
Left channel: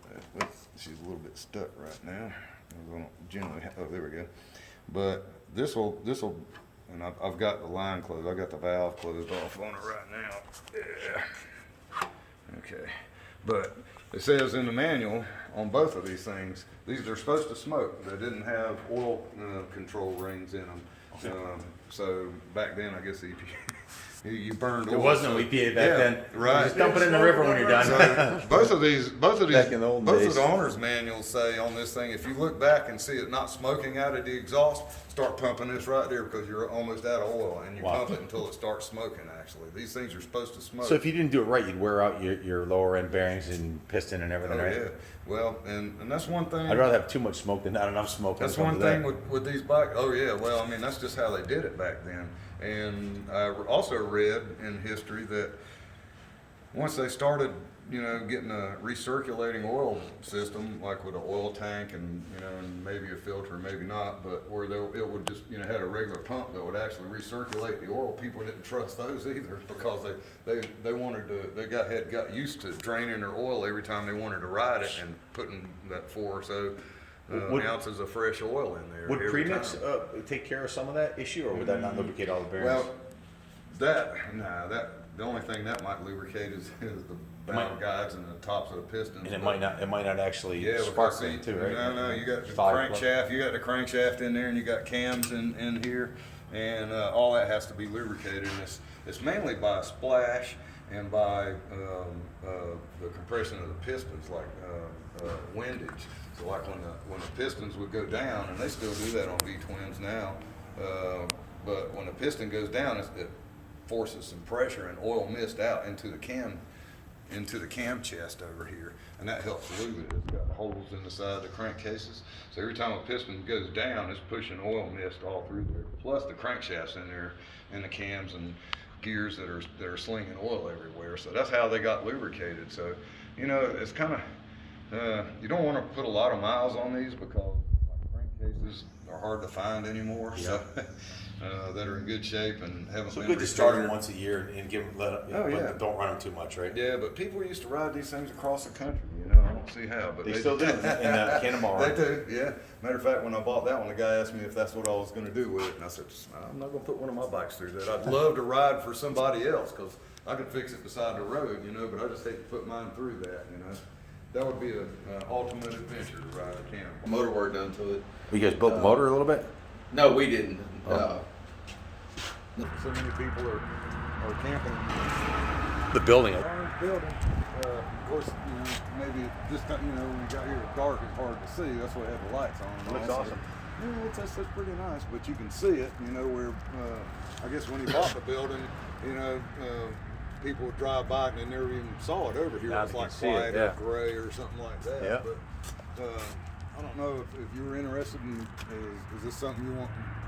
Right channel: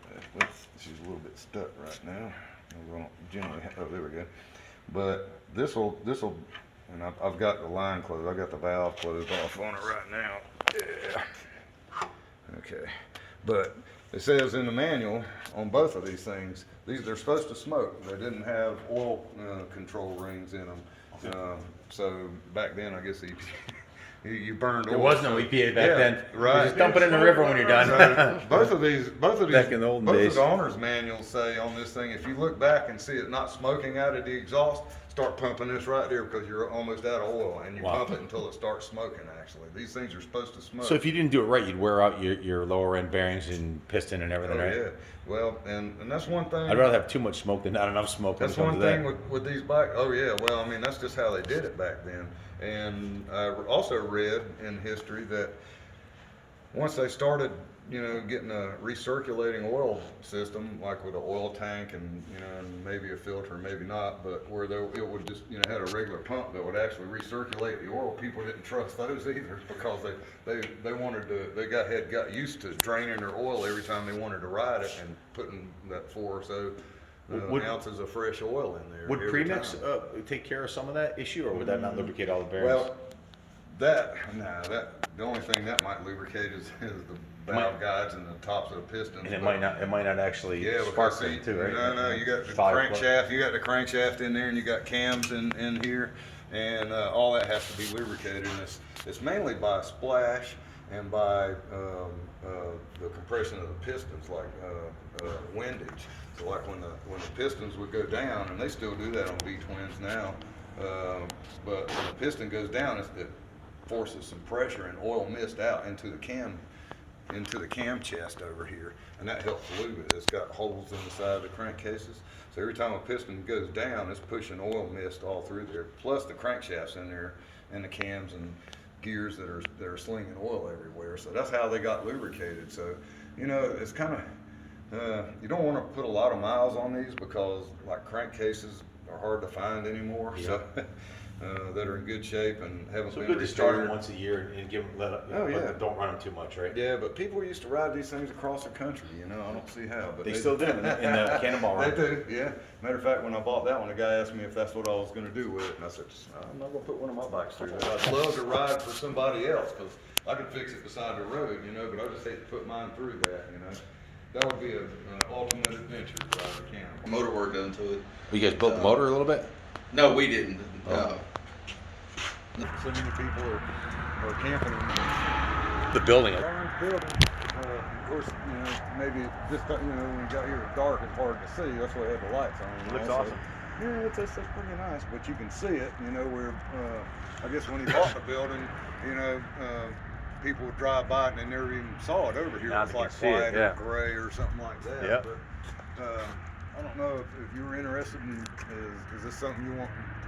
she's a little bit stuck right now. There we go. But this will, and I've got the line closed. I've got the valve closed off on it right now. Yeah. Okay. But it says in the manual on both of these things, they're supposed to smoke. They didn't have oil control rings in them. So back then, I guess you burned There oil. was no EPA back then. Right. Just dump it in the river when you're done. So both of these, Back in the old both days. of the owner's manuals say on this thing, if you look back and see it not smoking out of the exhaust, start pumping this right there because you're almost out of oil, and you Wow. pump it until it starts smoking. Actually, these things are supposed to smoke. So if you didn't do it right, you'd wear out your lower end bearings and piston and everything, Oh right? yeah. Well, and that's one thing. I'd rather have too much smoke than not enough smoke. That's when it one comes to thing that. with these bikes. Oh yeah, well, I mean that's just how they did it back then. And I also read in history that once they started, getting a recirculating oil system, like with an oil tank and and maybe a filter, maybe not, but where it would just had a regular pump that would actually recirculate the oil. People didn't trust those either because they wanted to had got used to draining their oil every time they wanted to ride it and putting that 4 or so ounces of fresh oil in there. Would every premix time. take care of some of that issue, or would that not lubricate all the bearings? Well, the only thing that might lubricate is the valve guides and the tops of the pistons. and it but- might not actually Yeah, spark because see, them too, right? no, you got the Five crankshaft, in there, and you got cams in here, and all that has to be lubricated. And it's mainly by splash and by the compression of the pistons, like windage. So like when the pistons would go down, and they still do that on V-twins now, but when the piston goes down, it forces some pressure and oil mist out into the cam chest over here, and that helps lube it. It's got holes in the side of the crankcases, so every time a piston goes down, it's pushing oil mist all through there. Plus the crankshafts in there, and the cams and gears that are slinging oil everywhere. So that's how they got lubricated. So it's kind of you don't want to put a lot of miles on these because like crankcases are hard to find anymore. Yeah. So that are in good shape and haven't So been good to start them repaired. once a year and give them Oh, yeah. but don't run them too much, right? Yeah, but people used to ride these things across the country, I don't see how, but They still do in the Cannonball They Run. do, yeah. Matter of fact, when I bought that one, the guy asked me if that's what I was gonna do with it, and I said, I'm not gonna put one of my bikes through that. I'd love to ride for somebody else, cause I could fix it beside the road, but I just hate to put mine through that, That would be an ultimate adventure, Cannonball. Motor work done to it. You guys built the motor a little bit? No, we didn't. So many people are camping. The building. Iron building. Of course, maybe just when we got here, it's dark, it's hard to see. That's why we had the lights on. Looks also. awesome. Yeah, it's pretty nice, but you can see it. Where I guess when he bought the building, people would drive by it and they never even saw it over here. Now It's they like can see it, white yeah. or gray or something like that. Yeah. But I don't know if you were interested in. Is this something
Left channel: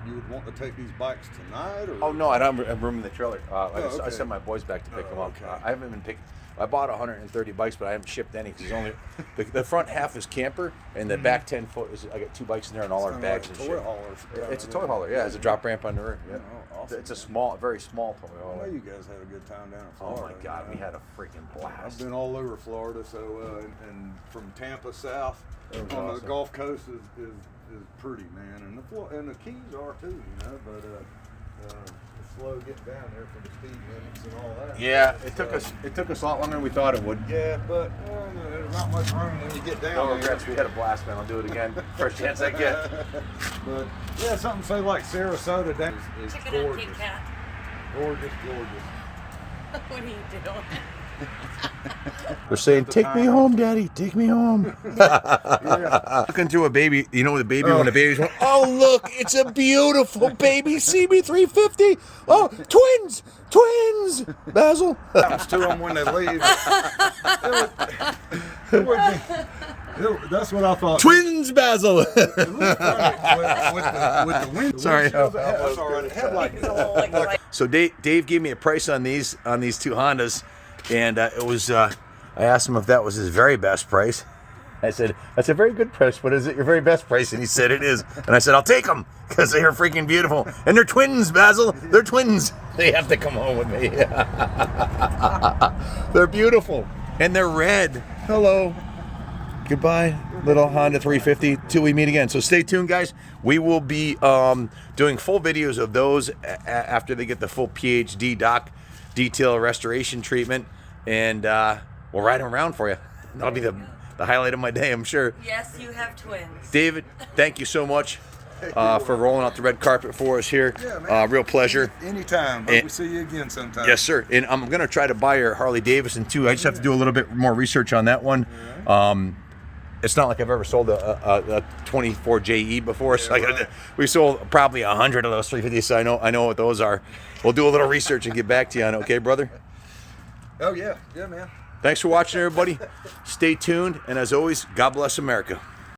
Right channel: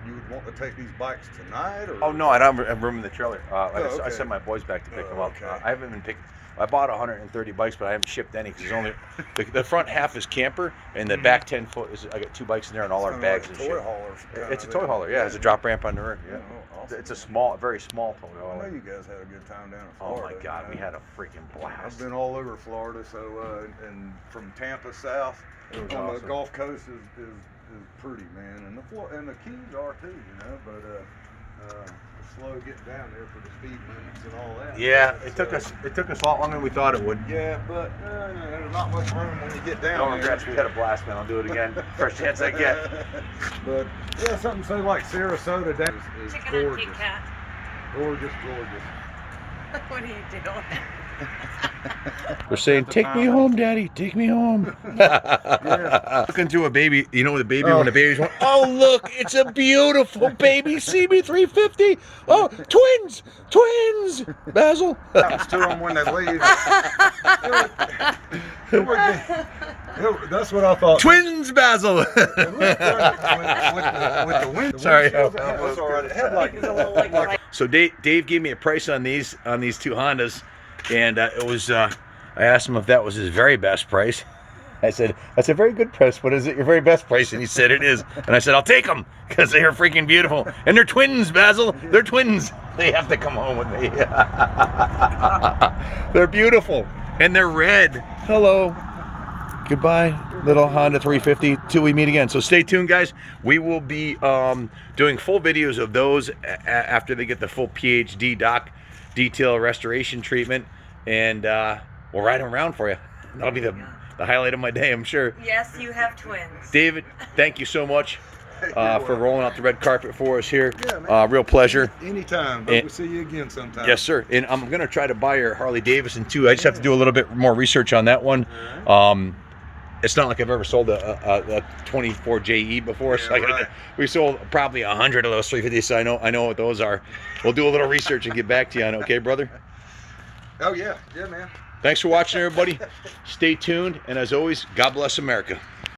you would want to take these bikes tonight? Or? Oh no, I don't have room in the trailer. I okay. sent my boys back to pick them up. Okay. I haven't been picked. I bought 130 bikes, but I haven't shipped any because only the front half is camper and the back 10 foot is. I got 2 bikes in there and all our Kinda bags like and a toy shit. hauler. It's a toy hauler. Yeah, there's a drop ramp on the rear. Yeah. Oh, awesome. It's a small, very small toy I know hauler. you guys had a good time down in Oh Florida. my God, we had a freaking blast. I've been all over Florida, so and from Tampa south It was on the awesome. Gulf Coast is pretty, man, and the Keys are too, but it's slow getting down there for the speed limits and all that. Yeah, But, it took us a lot longer than we thought it would. Yeah, but there's not much room when you get down No there. regrets. We had a blast, man. I'll do it again. First chance I get. But yeah, something say like Sarasota down is Chicken and gorgeous, Kit Kat. gorgeous. What are you doing? They're saying, "Take me home, Daddy. Take me home." Looking through a baby, when the baby, when the baby's going, oh look, it's a beautiful baby CB350. Oh, twins, Bazzle. Happens to them when they leave. That's what I thought. Twins, Bazzle. with the wind. Sorry. That's all right. It had like So Dave gave me a price on these 2 Hondas, and it was I asked him if that was his very best price. I said, that's a very good price, but is it your very best price? And he said it is. And I said, I'll take them because they are freaking beautiful. And they're twins, Bazzle. They're twins. They have to come home with me. They're beautiful. And they're red. Hello. Goodbye, little Honda 350, till we meet again. So stay tuned, guys. We will be doing full videos of those after they get the full PhD doc detail restoration treatment. And we'll ride them around for you. That'll be the highlight of my day, I'm sure. Yes, you have twins. David, thank you so much. for rolling out the red carpet for us here. Yeah, man. Real pleasure. Anytime. Hope we see you again sometime. Yes, sir. And I'm gonna try to buy your Harley Davidson too. I just have to do a little bit more research on that one. It's not like I've ever sold a 24 JE before. So right. we sold probably 100 of those 350s. So I know what those are. We'll do a little research and get back to you on it. Okay, brother? Oh, yeah. Yeah, man. Thanks for watching, everybody. Stay tuned. And as always, God bless America.